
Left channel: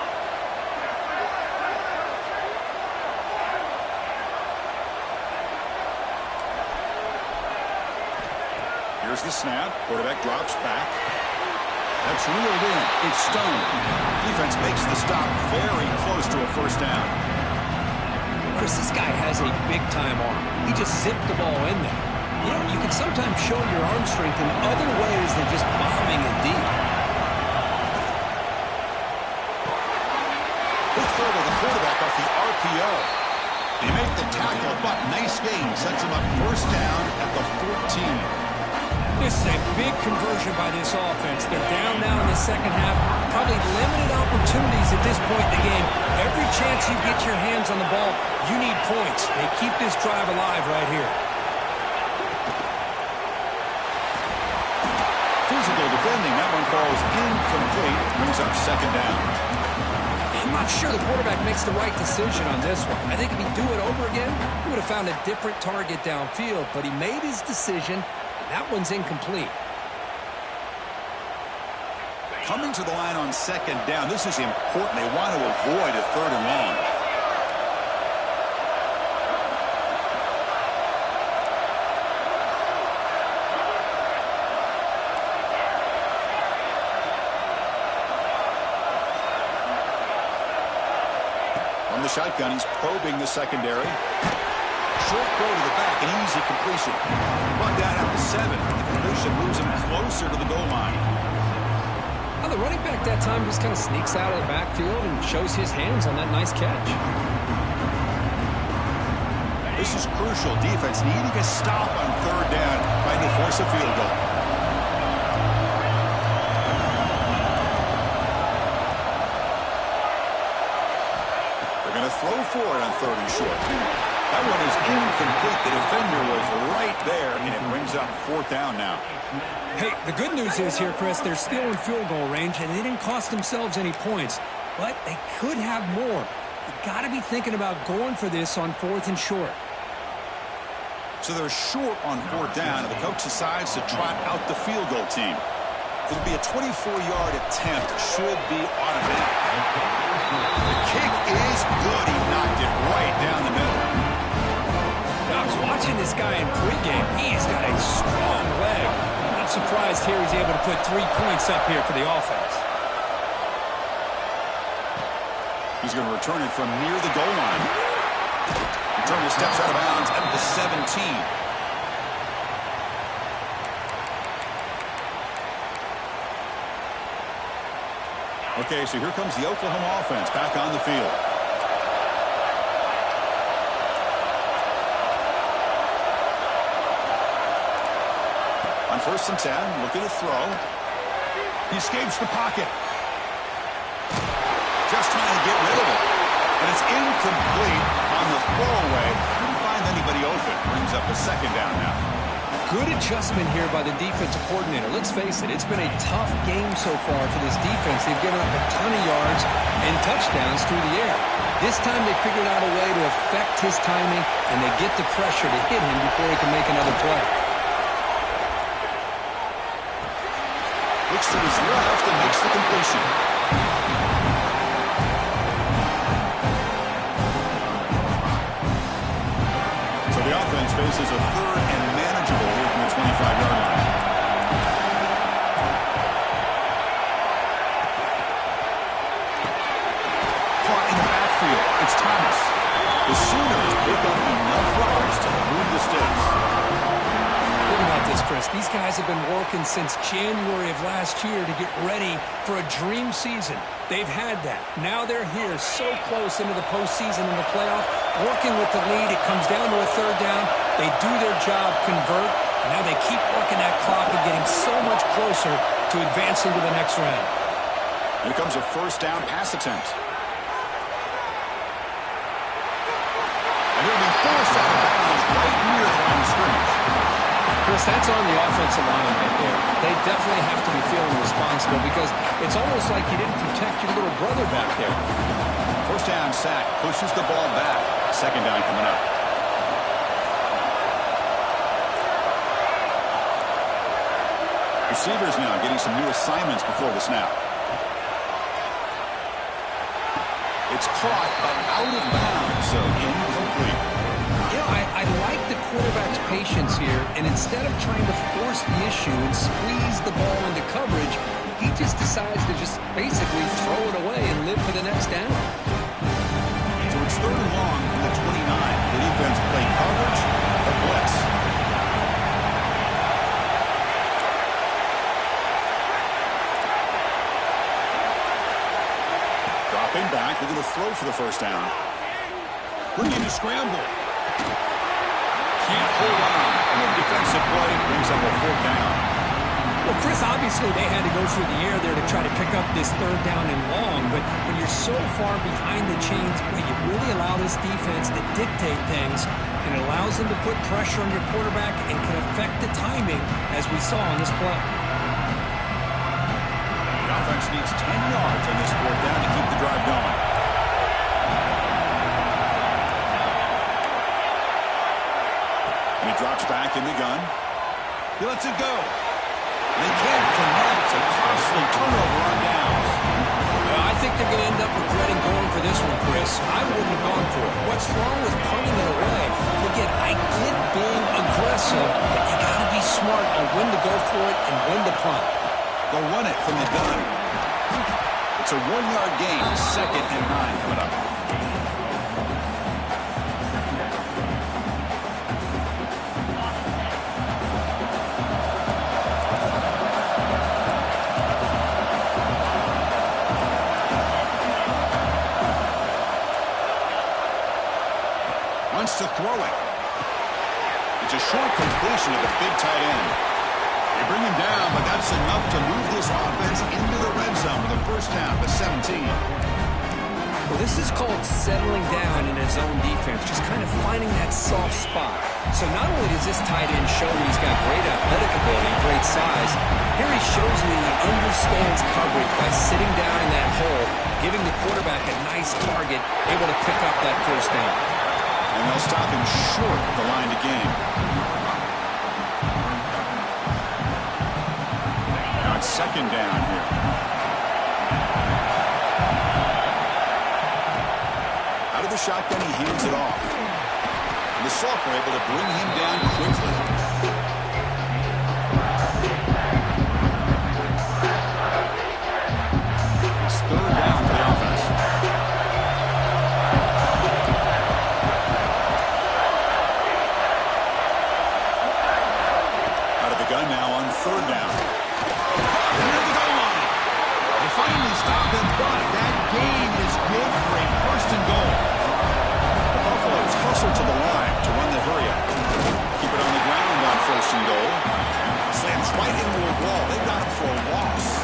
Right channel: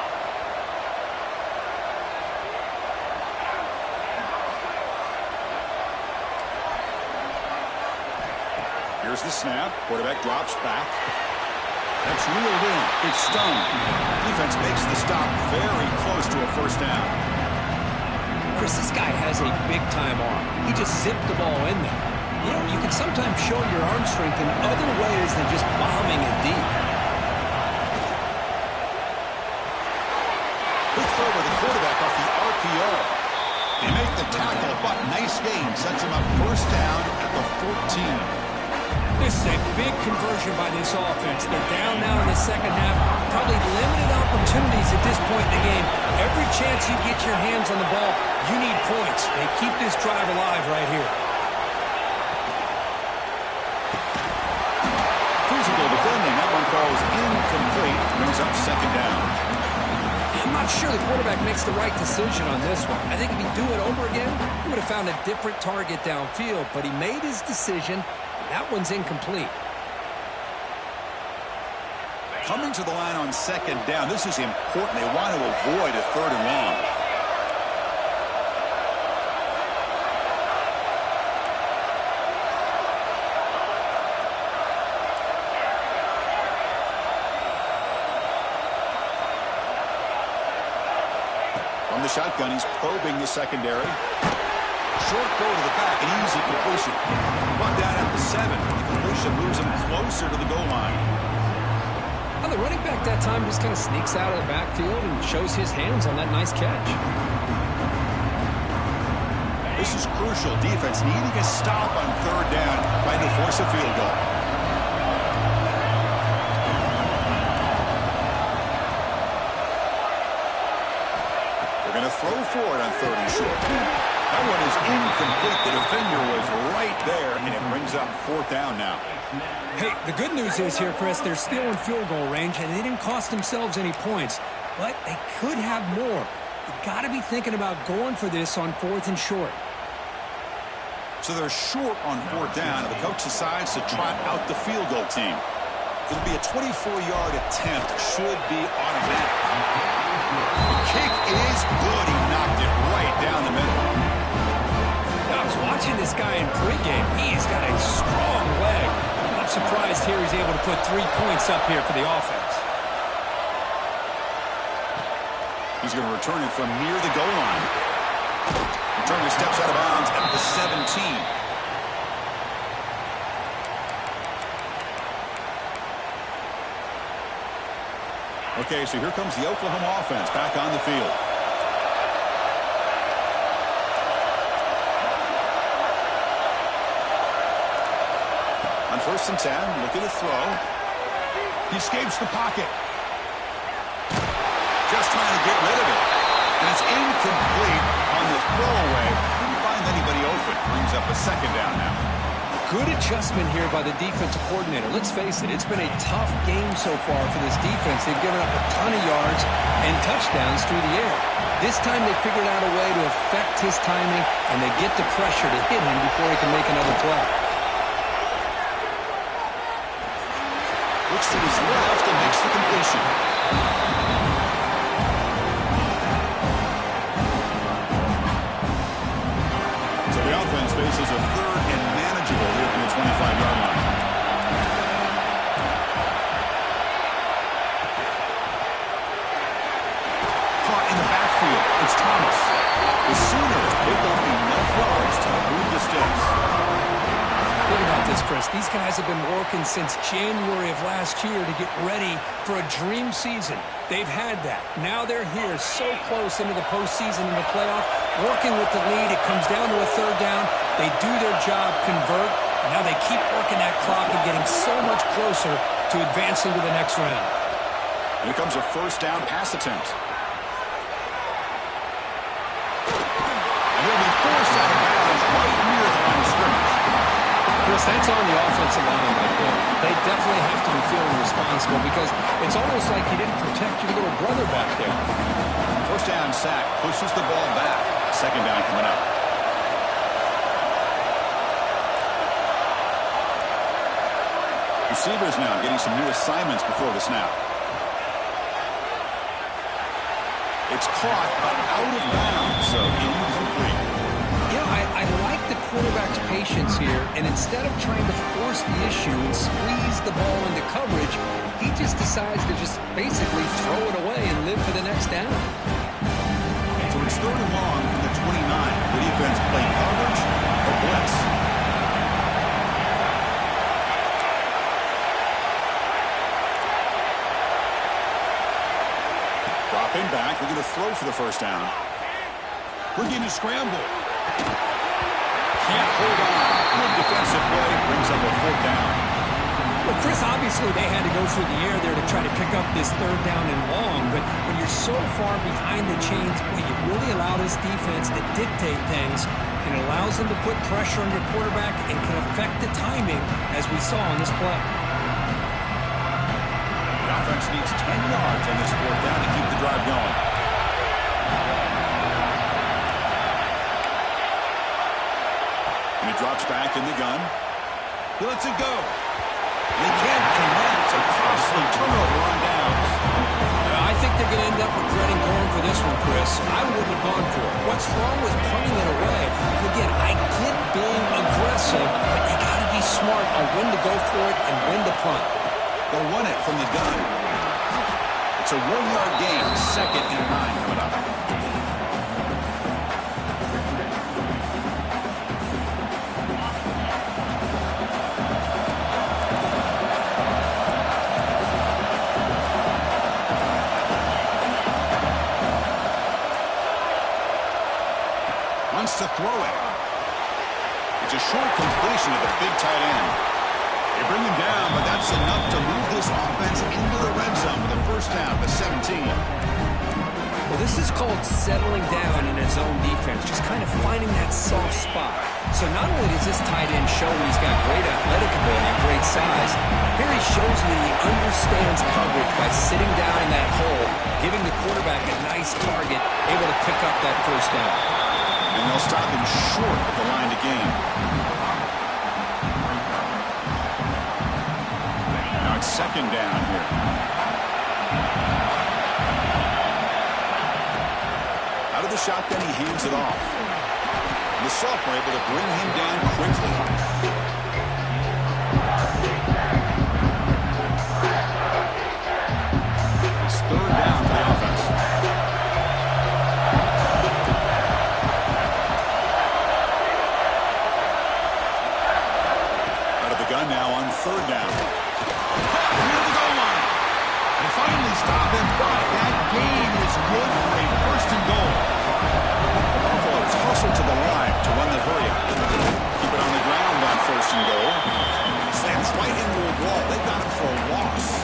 Here's the snap. Quarterback drops back. That's reeled in. It's Stone. Defense makes the stop very close to a first down. Chris, this guy has a big-time arm. He just zipped the ball in there. You know, you can sometimes show your arm strength in other ways than just bombing it deep. Good throw by the quarterback off the RPO. They make the tackle, but nice gain. Sets him up first down at the 14. This is a big conversion by this offense. They're down now in the second half. Probably limited opportunities at this point in the game. Every chance you get your hands on the ball, you need points. They keep this drive alive right here. Physical defending. That one falls incomplete. Brings up second down. I'm not sure the quarterback makes the right decision on this one. I think if he'd do it over again, he would have found a different target downfield. But he made his decision. That one's incomplete. Coming to the line on second down. This is important. They want to avoid a third and long. From the shotgun, he's probing the secondary. Short throw to the back, an easy completion. Brought down at the 7. The completion moves him closer to the goal line. Well, the running back that time just kind of sneaks out of the backfield and shows his hands on that nice catch. This is crucial. Defense needing a stop on third down, trying to force a field goal. They're going to throw for it on third and short. That one is incomplete. The defender was right there, and it brings up fourth down now. Hey, the good news is here, Chris, they're still in field goal range, and they didn't cost themselves any points. But they could have more. You got to be thinking about going for this on fourth and short. So they're short on fourth down, and the coach decides to trot out the field goal team. It'll be a 24-yard attempt. Should be automatic. The kick is good. He knocked it right down the middle. I was watching this guy in pregame. He's got a strong leg. I'm not surprised here he's able to put 3 points up here for the offense. He's going to return it from near the goal line. Returner steps out of bounds at the 17. Okay, so here comes the Oklahoma offense back on the field. On 1st and 10, look at the throw. He escapes the pocket. Just trying to get rid of it. And it's incomplete on the throwaway. Couldn't find anybody open. Brings up a second down now. Good adjustment here by the defensive coordinator. Let's face it, it's been a tough game so far for this defense. They've given up a ton of yards and touchdowns through the air. This time they figured out a way to affect his timing, and they get the pressure to hit him before he can make another play. Looks to his left and makes the completion. So the offense faces a third and manageable here from the 25-yard line. Caught in the backfield. It's Thomas. The Sooners pick up enough yards to move the sticks. Think about this, Chris. These guys have been working since January of last year to get ready for a dream season. They've had that. Now they're here so close into the postseason and the playoff, working with the lead. It comes down to a third down. They do their job, convert. And now they keep working that clock and getting so much closer to advancing to the next round. Here comes a first down pass attempt. And it'll be forced out of bounds right near the line of scrimmage. Chris, that's on the offensive line right there. They definitely have to be feeling responsible because it's almost like you didn't protect your little brother back there. First down sack, pushes the ball back. Second down coming up. Receivers now getting some new assignments before the snap. It's caught, but out of bounds, so incomplete. I like the quarterback's patience here, and instead of trying to force the issue and squeeze the ball into coverage, he just decides to just basically throw it away and live for the next down. So it's 3rd and long from the 29. The defense play coverage or blitz. Dropping back, looking to throw for the first down. Looking to scramble. Can't hold on. Good defensive play. Brings up a 4th down. Well, Chris, obviously they had to go through the air there to try to pick up this 3rd down and long, but when you're so far behind the chains, well, you really allow this defense to dictate things, and it allows them to put pressure on your quarterback and can affect the timing, as we saw on this play. The offense needs 10 yards on this 4th down to keep the drive going. And he drops back in the gun. He lets it go. They can't connect. A costly turnover on downs. I think they're going to end up regretting going for this one, Chris. I wouldn't have gone for it. What's wrong with punting it away? And again, I get being aggressive, but you got to be smart on when to go for it and when to punt. They'll run it from the gun. It's a 1-yard gain. 2nd and 9 coming up. Wants to throw it. It's a short completion of the big tight end. They bring him down, but that's enough to move this offense into the red zone with a first down to 17. Well, this is called settling down in his own defense, just kind of finding that soft spot. So not only does this tight end show he's got great athletic ability and great size, here he shows that he understands coverage by sitting down in that hole, giving the quarterback a nice target, able to pick up that first down. And they'll stop him short at the line to gain. Now it's 2nd down here. Out of the shotgun, he hands it off. And the sophomore able to bring him down quickly. It's 3rd down for the offense. Gun now on 3rd down. Near the goal line. They finally stop him, but that gain is good for a 1st and goal. The Buffaloes hustle to the line to run the hurry up. Keep it on the ground on 1st and goal. Slams right into a wall. They got him for a loss.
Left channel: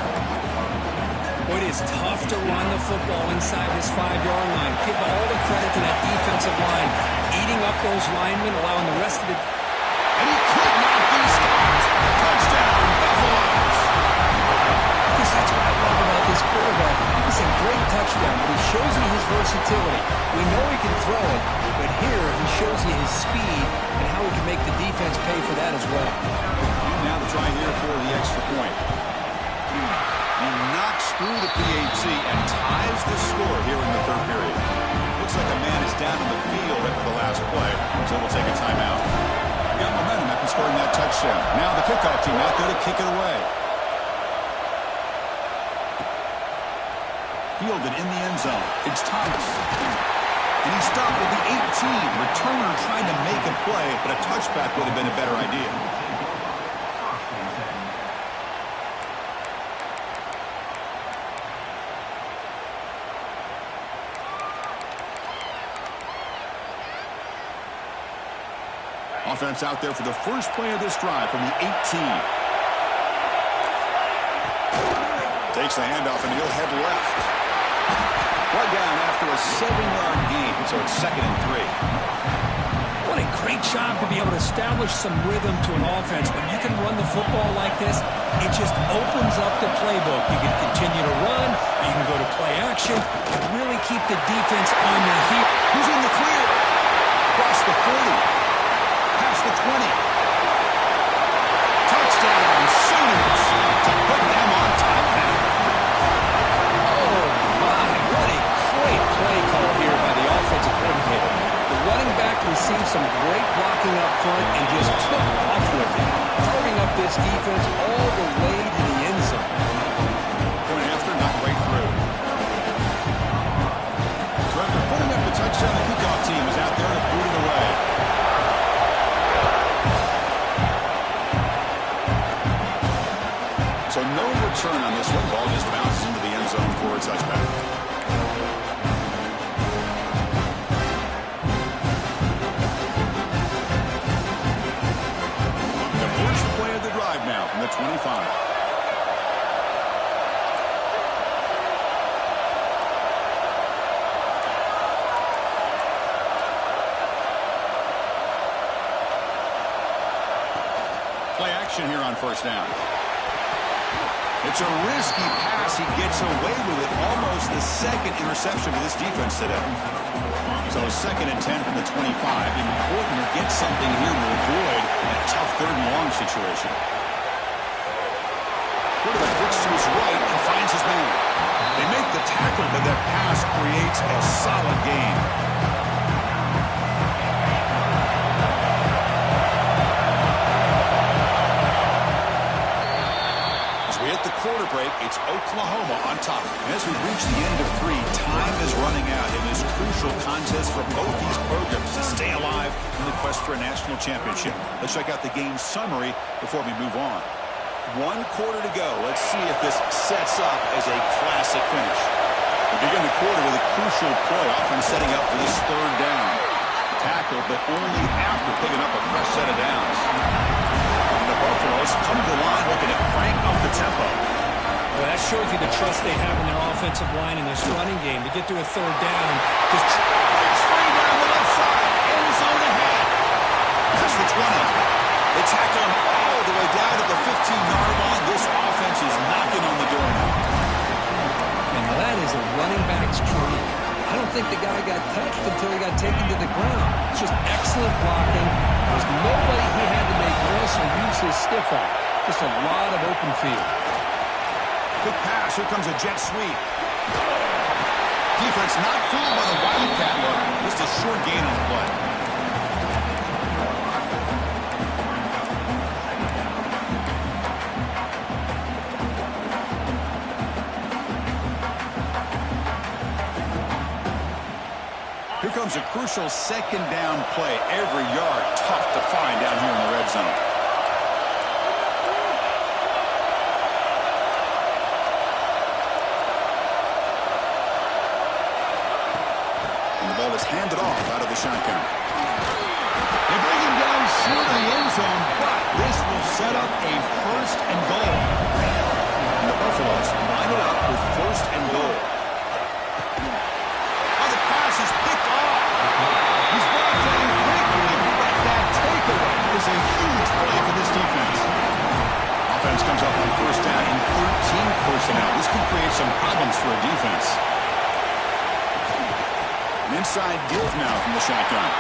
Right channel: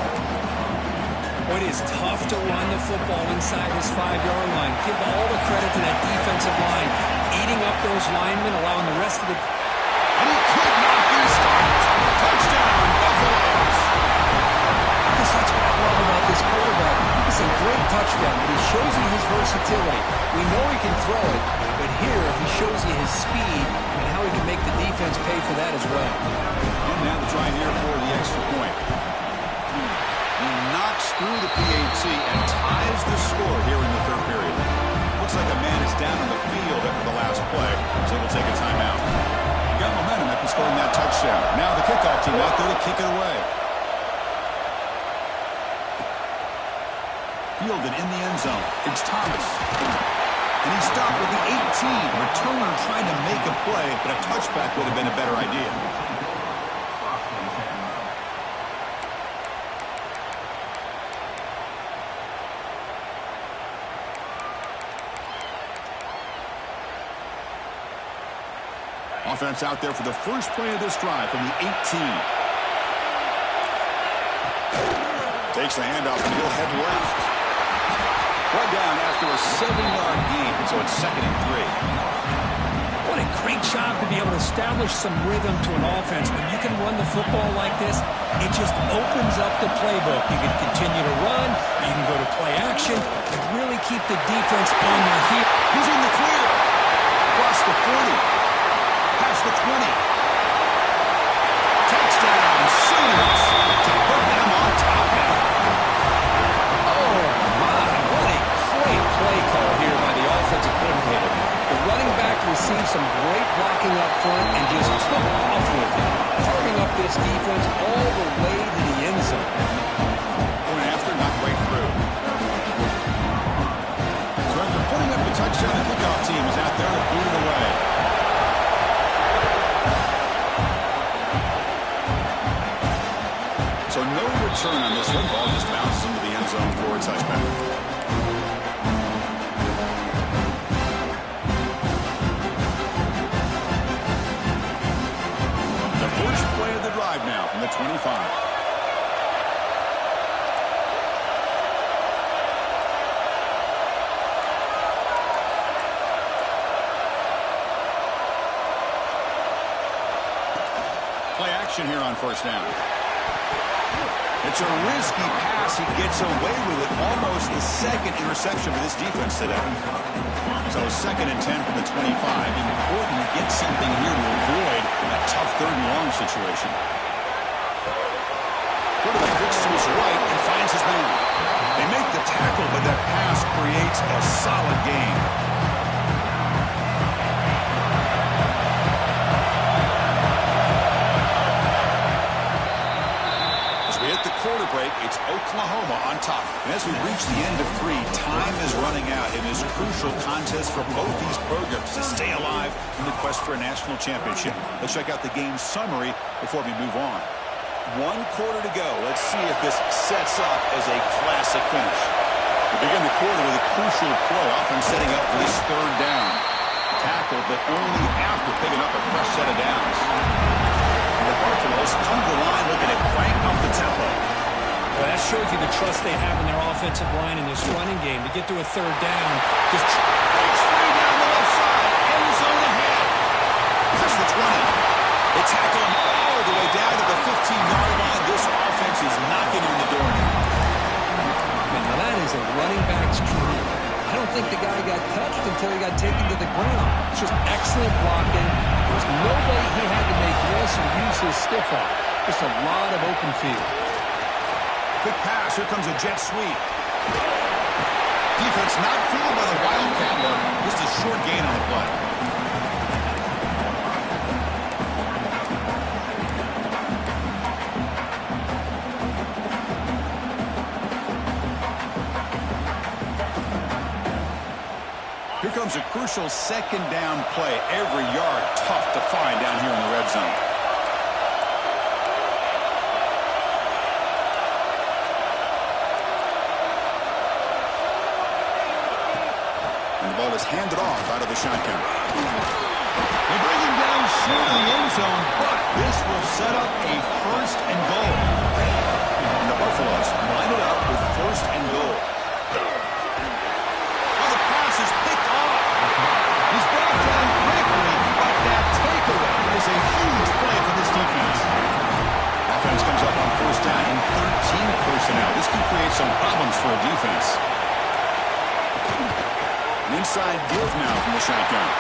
Well, it is tough to run the football inside this 5-yard line. Give all the credit to that defensive line, eating up those linemen, allowing the rest of the... And he could not be stopped. Touchdown, Buffaloes. Chris, that's what I love about this quarterback. It's a great touchdown, but he shows you his versatility. We know he can throw it, but here he shows you his speed and how he can make the defense pay for that as well. And now the try here for the extra point. He knocks through the PAT and ties the score here in the 3rd period. Looks like a man is down on the field after the last play, so we'll take a timeout. Got momentum after scoring that touchdown. Now the kickoff team out there to kick it away. Fielded in the end zone. It's Thomas. And he stopped with the 18. Returner trying to make a play, but a touchback would have been a better idea. Offense out there for the first play of this drive from the 18. Takes the handoff and he'll head left. Brought down after a 7-yard gain, so it's 2nd and 3. What a great job to be able to establish some rhythm to an offense. When you can run the football like this, it just opens up the playbook. You can continue to run, you can go to play action, and really keep the defense on their heels. He's in the clear. Across the 40. Past the 20. Touchdown, Sooners, to put them on top now. Oh, my, what a great play call here by the offensive coordinator. The running back was received some great blocking up front and just took off with it, carving up this defense all the way to the end zone. Point after, not right through. So after putting up the touchdown, the kickoff team is out there to boot it away. So no return on this one. Ball just bounces into the end zone for a touchback. The first play of the drive now from the 25. Play action here on first down. It's a risky pass. He gets away with it. Almost the second interception for this defense today. So 2nd and 10 from the 25. Important to get something here to avoid that tough 3rd and long situation. Quarterback looks to his right and finds his man. They make the tackle, but that pass creates a solid gain. We hit the quarter break. It's Oklahoma on top. And as we reach the end of 3, time is running out in this crucial contest for both these programs to stay alive in the quest for a national championship. Let's check out the game summary before we move on. 1 quarter to go. Let's see if this sets up as a classic finish. We begin the quarter with a crucial play, often setting up for this 3rd down. Tackle, but only after picking up a fresh set of downs. The Buffaloes come to the line looking to crank up the tempo. Well, that shows you the trust they have in their offensive line in this running game. To get to a 3rd down, just breaks free down the left side. End zone ahead. That's the 20. They tackle him all the way down to the 15-yard line. This offense is knocking on the door now. And now that is a running back's dream. I don't think the guy got touched until he got taken to the ground. It's just excellent blocking. There was nobody he had to make miss or use his stiff arm. Just a lot of open field. Quick pass. Here comes a jet sweep. Defense not fooled by the Wildcat look. Just a short gain on the play. Here comes a crucial 2nd down play. Every yard tough to find down here in the red zone. And the ball is handed off out of the shotgun. They bring him down short of the end zone, but this will set up a 1st and goal. And the Buffaloes line it up with 1st and goal. Is picked off. He's brought down quickly, but that takeaway is a huge play for this defense. Offense comes up on 1st down in 13 personnel. This can create some problems for a defense. An inside give now from the shotgun.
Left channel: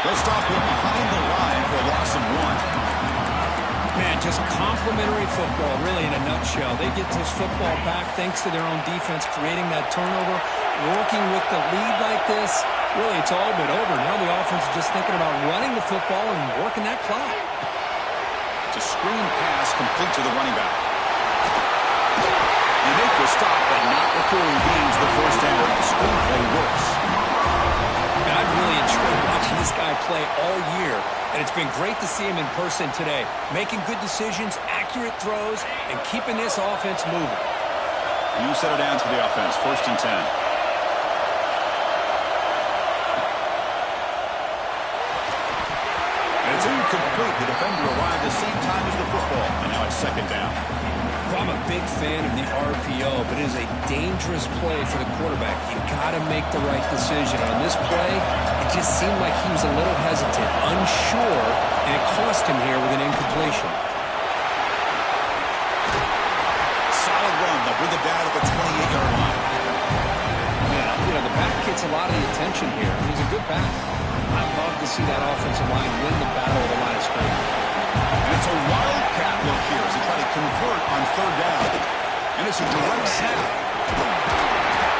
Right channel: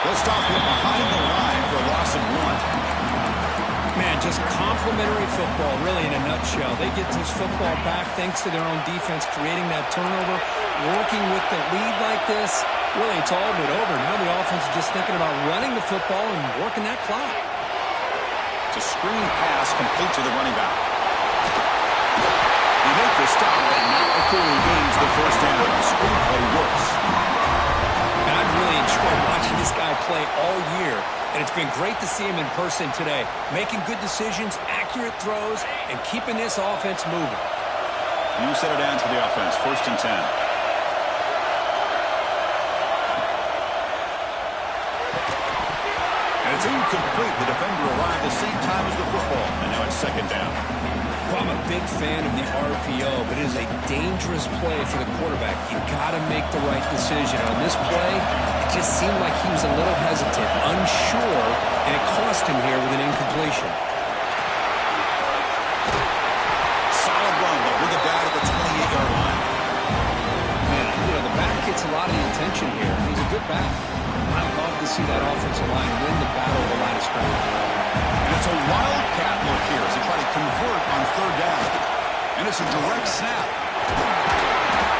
They'll stop him behind the line for a loss of 1. Man, just complimentary football, really, in a nutshell. They get this football back thanks to their own defense, creating that turnover, working with the lead like this. Really, it's all but over. Now the offense is just thinking about running the football and working that clock. It's a screen pass complete to the running back. They make the stop, but not before he gains the 1st down. The screen play works. And I've really enjoyed watching this guy play all year, and it's been great to see him in person today, making good decisions, accurate throws, and keeping this offense moving. You set it down to the offense, 1st and 10. And it's incomplete. The defender arrived the same time as the football, and now it's 2nd down. Well, I'm a big fan of the RPO, but it is a dangerous play for the quarterback. You got to make the right decision. On this play, it just seemed like he was a little hesitant, unsure, and it cost him here with an incompletion. Solid run. They'll bring it down to the 28-yard line. Man, the back gets a lot of the attention here. He's a good back. I love to see that offensive line win the battle of the line of scrimmage. And it's a wildcat look here as they try to convert on 3rd down. And it's a direct snap.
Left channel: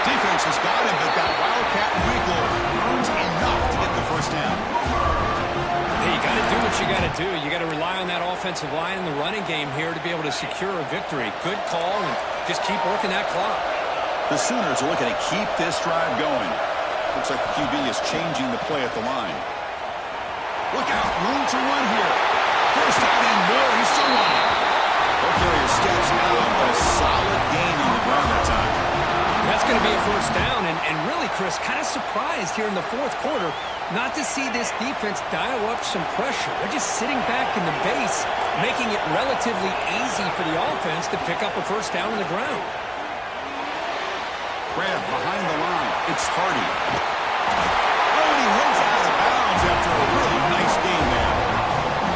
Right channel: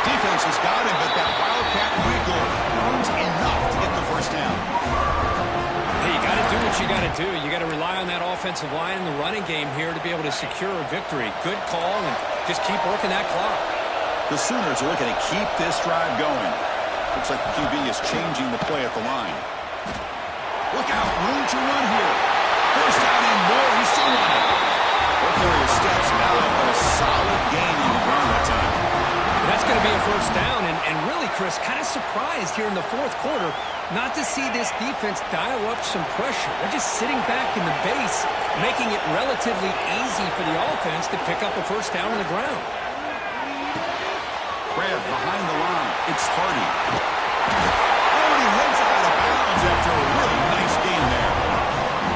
Defense has got him, but that Wildcat Michael earns enough to get the first down. Hey, you got to do what you got to do. You got to rely on that offensive line in the running game here to be able to secure a victory. Good call, and just keep working that clock. The Sooners are looking to keep this drive going. Looks like the QB is changing the play at the line. Look out, room to run here. First down and more, he's still running. Ball carrier steps out, but a solid gain on the ground that time. That's going to be a first down, and really, Chris, kind of surprised here in the fourth quarter not to see this defense dial up some pressure. They're just sitting back in the base, making it relatively easy for the offense to pick up a first down on the ground. Grab behind the line. It's Hardy. Oh, and he heads out of bounds after a really nice game there.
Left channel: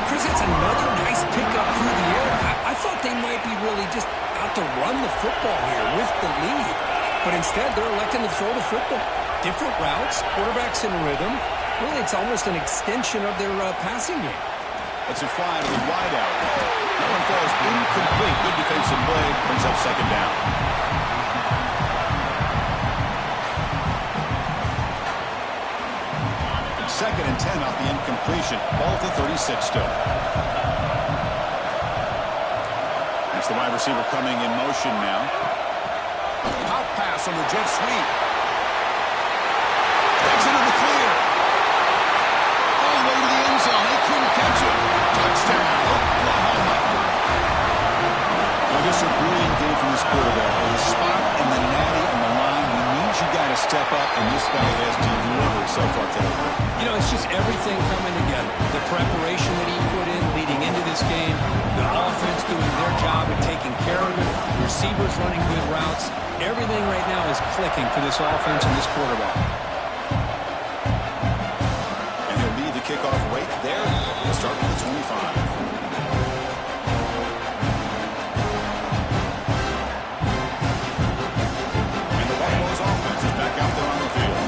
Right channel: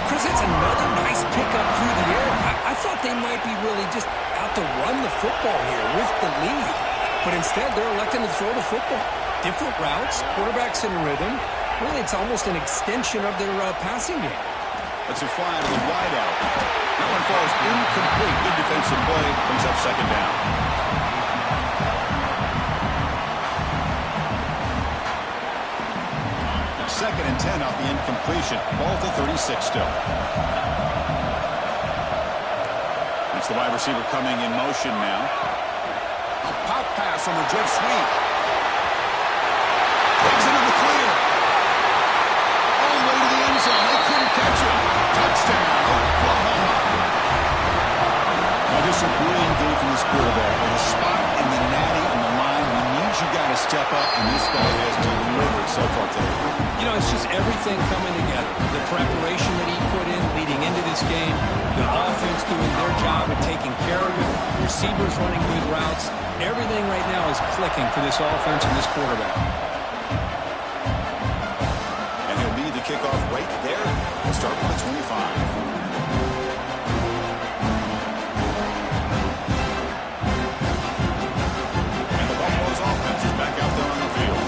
Chris, it's another nice pickup through the air. I thought they might be really just out to run the football here with the lead. But instead, they're electing to throw the football. Different routes, quarterbacks in rhythm. Really, it's almost an extension of their passing game. Let's it fly to the wideout. That one falls incomplete. Good defensive play. Brings up second down. Second and 10 off the incompletion. Ball to 36 still. That's the wide receiver coming in motion now. Pop pass on the jet sweep. Takes it to the clear. All the way to the end zone. They couldn't catch him. Touchdown, Oklahoma. Now just a brilliant game from this quarterback. With a spot in the natty on the line. We need you guys to step up, and this guy has delivered so far today. You know, it's just everything coming together. The preparation that he put in leading into this game, the offense doing their job of taking care of it, receivers running good routes. Everything right now is clicking for this offense and this quarterback. And he'll lead the kickoff right there. We'll start with the 25. Offense is back out there on the field.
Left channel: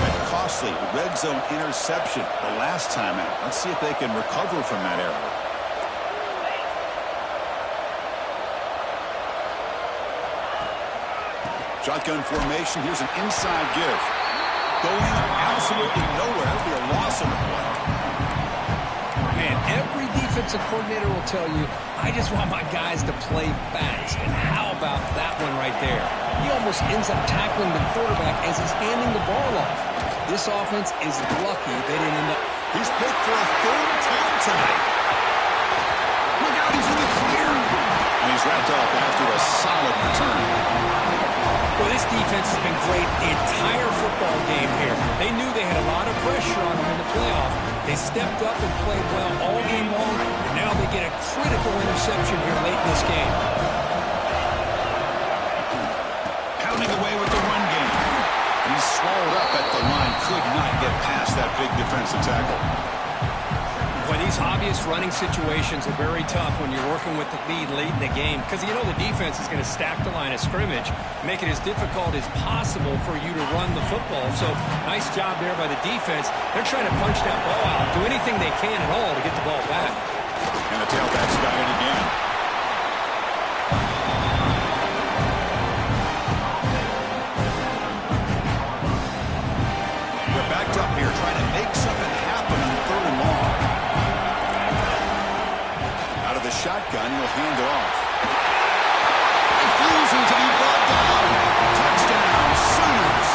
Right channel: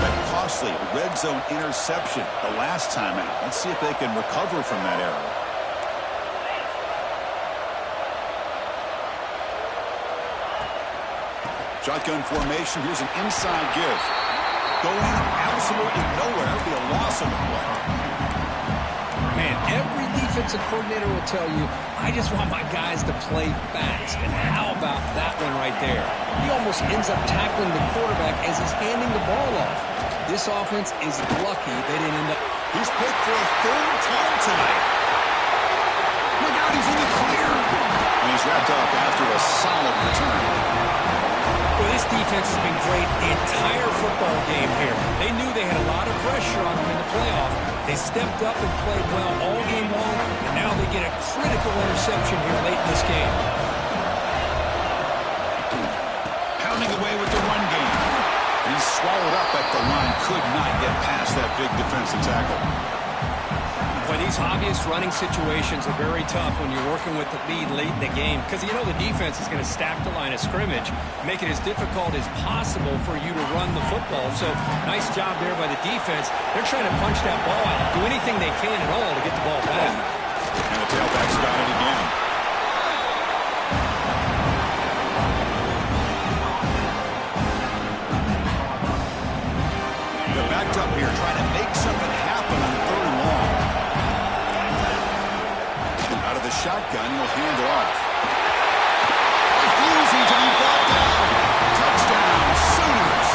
That costly red zone interception the last time out. Let's see if they can recover from that error. Shotgun formation. Here's an inside give. Going absolutely nowhere. That'll be a loss on the play. Man, every defensive coordinator will tell you, I just want my guys to play fast. And how about that one right there? He almost ends up tackling the quarterback as he's handing the ball off. This offense is lucky they didn't end up. He's picked for a third time tonight. Look out, he's in the clear. And he's wrapped up after a solid return. Well, this defense has been great the entire football game here. They knew they had a lot of pressure on them in the playoff. They stepped up and played well all game long, and now they get a critical interception here late in this game. Pounding away with the run game. And he's swallowed up at the line. Could not get past that big defensive tackle. Boy, these obvious running situations are very tough when you're working with the lead late in the game, because you know the defense is going to stack the line of scrimmage, make it as difficult as possible for you to run the football. So nice job there by the defense. They're trying to punch that ball out, do anything they can at all to get the ball back. And the tailback's got it again. They're backed up here trying to make something happen on third and long. Out of the shotgun, he'll hand it off. Refusing to be brought down. Touchdown, Sooners.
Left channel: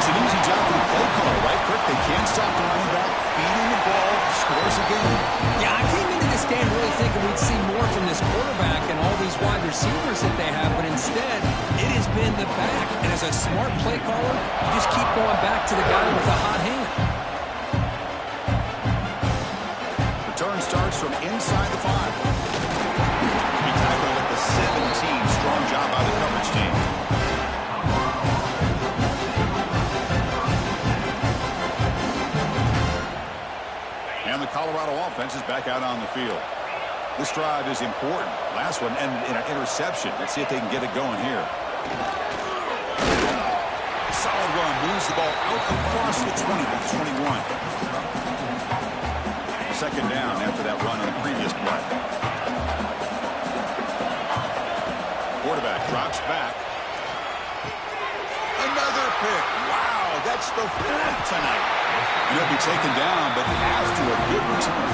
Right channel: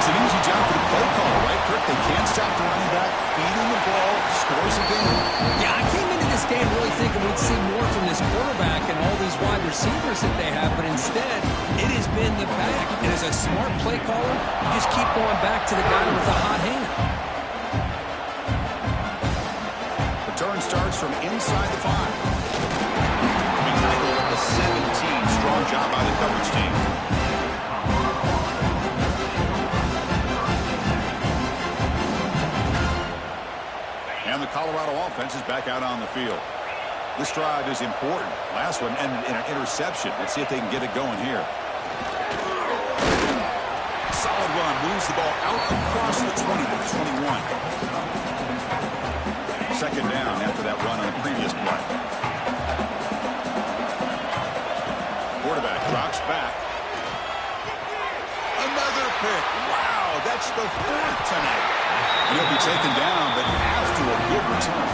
It's an easy job for the play caller, right, Kirk? They can't stop the running back, feeding the ball, scores again. Yeah, I came into this game really thinking we'd see more from this quarterback and all these wide receivers that they have, but instead, it has been the back. And as a smart play caller, you just keep going back to the guy with the hot hand. Return starts from inside the 5. He tackled at the 17. Strong job by the coverage team. And the Colorado offense is back out on the field. This drive is important. Last one ended in an interception. Let's see if they can get it going here. Solid run. Moves the ball out across the 20 to the 21. Second down after that run on the previous play. Quarterback drops back. Another pick. Wow, that's the 4th tonight. And he'll be taken down, but after a good return.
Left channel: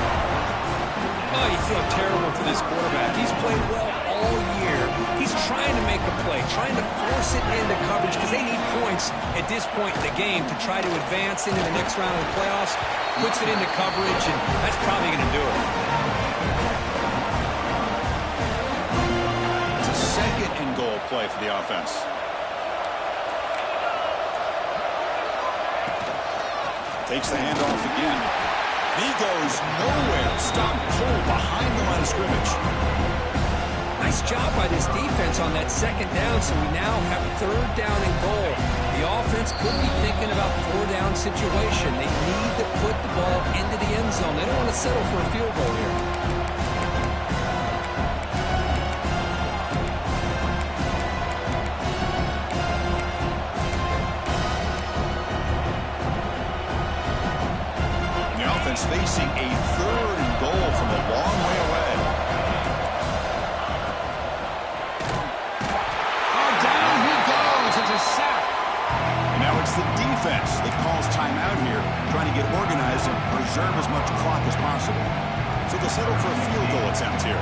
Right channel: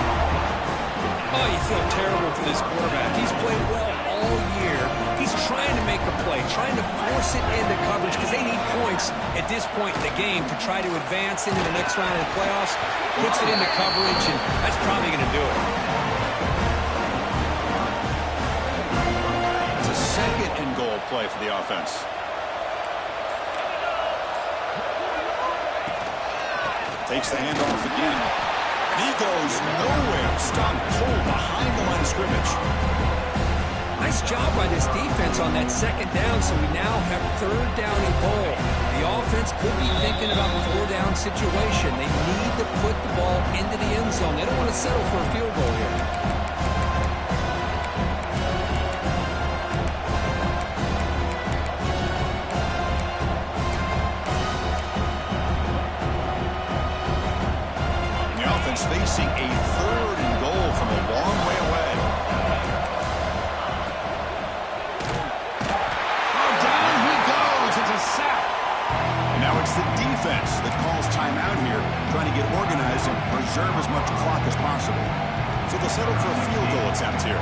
Oh, you feel terrible for this quarterback. He's played well all year. He's trying to make a play, trying to force it into coverage because they need points at this point in the game to try to advance into the next round of the playoffs. Puts it into coverage, and that's probably going to do it. It's a 2nd and goal play for the offense. Takes the handoff again. And he goes nowhere. Stopped cold behind the line of scrimmage. Nice job by this defense on that 2nd down, so we now have 3rd down and goal. The offense could be thinking about 4-down situation. They need to put the ball into the end zone. They don't want to settle for a field goal here. Facing a 3rd and goal from a long way away. Oh, down he goes. It's a sack. And now it's the defense that calls timeout here, trying to get organized and preserve as much clock as possible. So they'll settle for a field goal attempt here.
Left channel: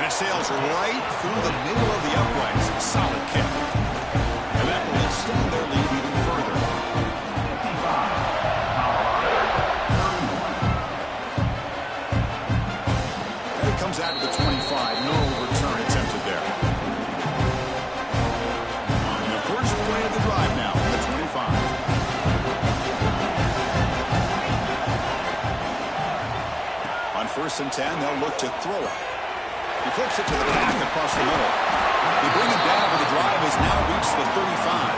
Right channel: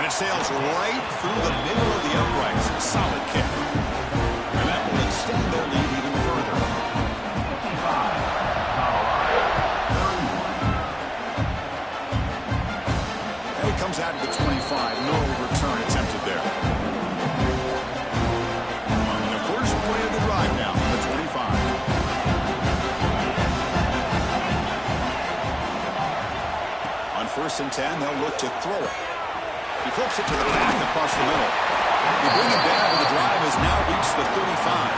And it sails right through the middle of the uprights. Solid kick. And that will extend their lead even further. 55. Comes out of the 25. No return attempted there. And the first play of the drive now on the 25. On 1st and 10, they'll look to throw it. He flips it to the back across the middle. They bring it down, but the drive has now reached the 35.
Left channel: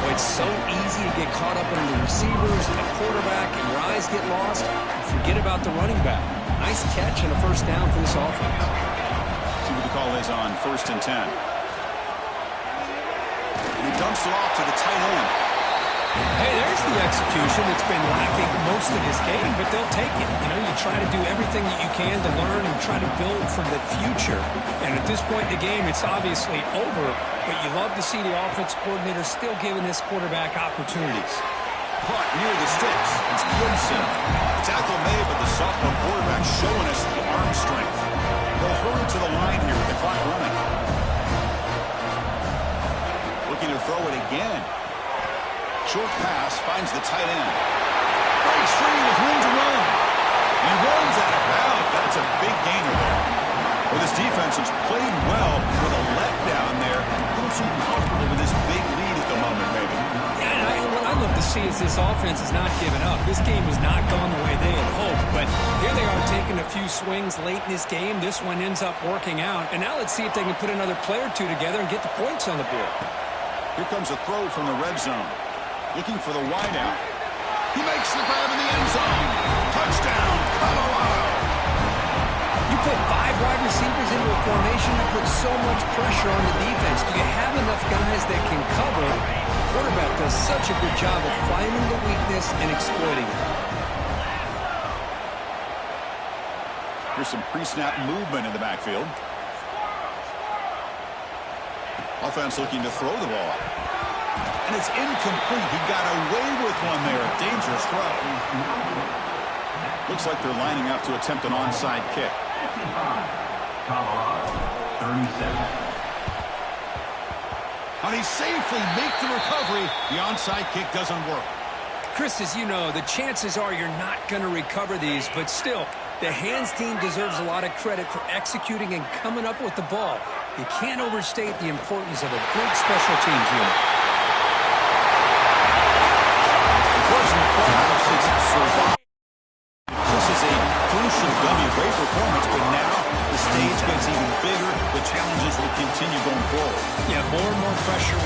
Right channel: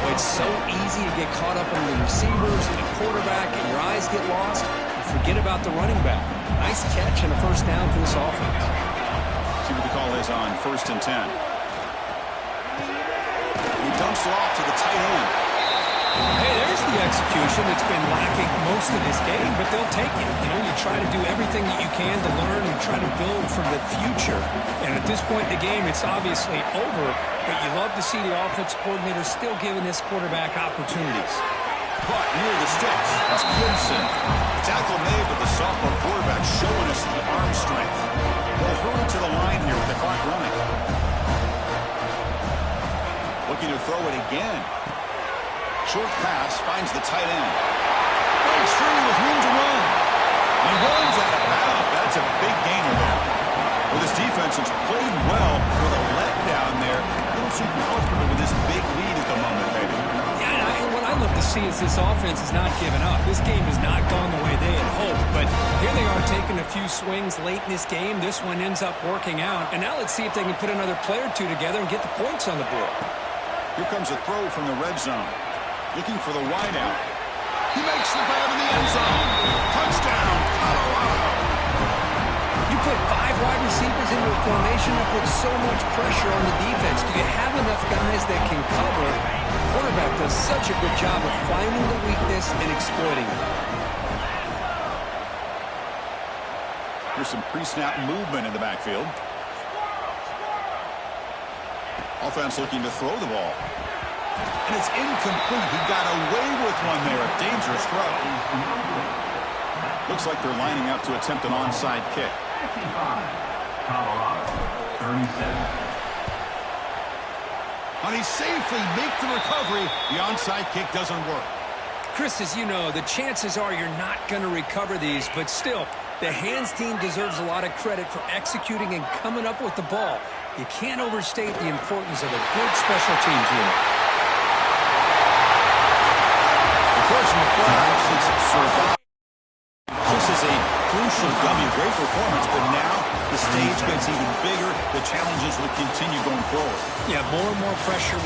Well, it's so easy to get caught up under the receivers and the quarterback, and your eyes get lost. You forget about the running back. Nice catch and a 1st down for this offense. See what the call is on 1st and 10. He dumps it off to the tight end. Hey, there's the execution that's been lacking most of this game, but they'll take it. You know, you try to do everything that you can to learn and try to build for the future. And at this point in the game, it's obviously over, but you love to see the offense coordinator still giving this quarterback opportunities. Caught near the sticks. It's Gibson. Tackle made, but the sophomore quarterback showing us the arm strength. They'll hurry to the line here with the clock running. Looking to throw it again. Short pass finds the tight end. Breaks free with room to run. And he runs out of bounds. That's a big gainer there. Well, this defense has played well with a letdown there. A little too comfortable with this big lead at the moment, maybe. Yeah, and what I love to see is this offense has not given up. This game has not gone the way they had hoped, but here they are taking a few swings late in this game. This one ends up working out, and now let's see if they can put another play or two together and get the points on the board. Here comes a throw from the red zone. Looking for the wideout. He makes the grab in the end zone. Touchdown, Colorado. You put 5 wide receivers into a formation that puts so much pressure on the defense. Do you have enough guys that can cover? The quarterback does such a good job of finding the weakness and exploiting it. Here's some pre-snap movement in the backfield. Offense looking to throw the ball. And it's incomplete. He got away with one there. A dangerous throw. Looks like they're lining up to attempt an onside kick. 55, Colorado, 37. And he safely makes the recovery. The onside kick doesn't work. Chris, as you know, the chances are you're not going to recover these, but still, the hands team deserves a lot of credit for executing and coming up with the ball. You can't overstate the importance of a good special teams unit. Of course, in the playoffs, it's survival. This is a crucial W. Great performance, but now the stage gets even bigger. The challenges will continue going forward. Yeah, more and more pressure.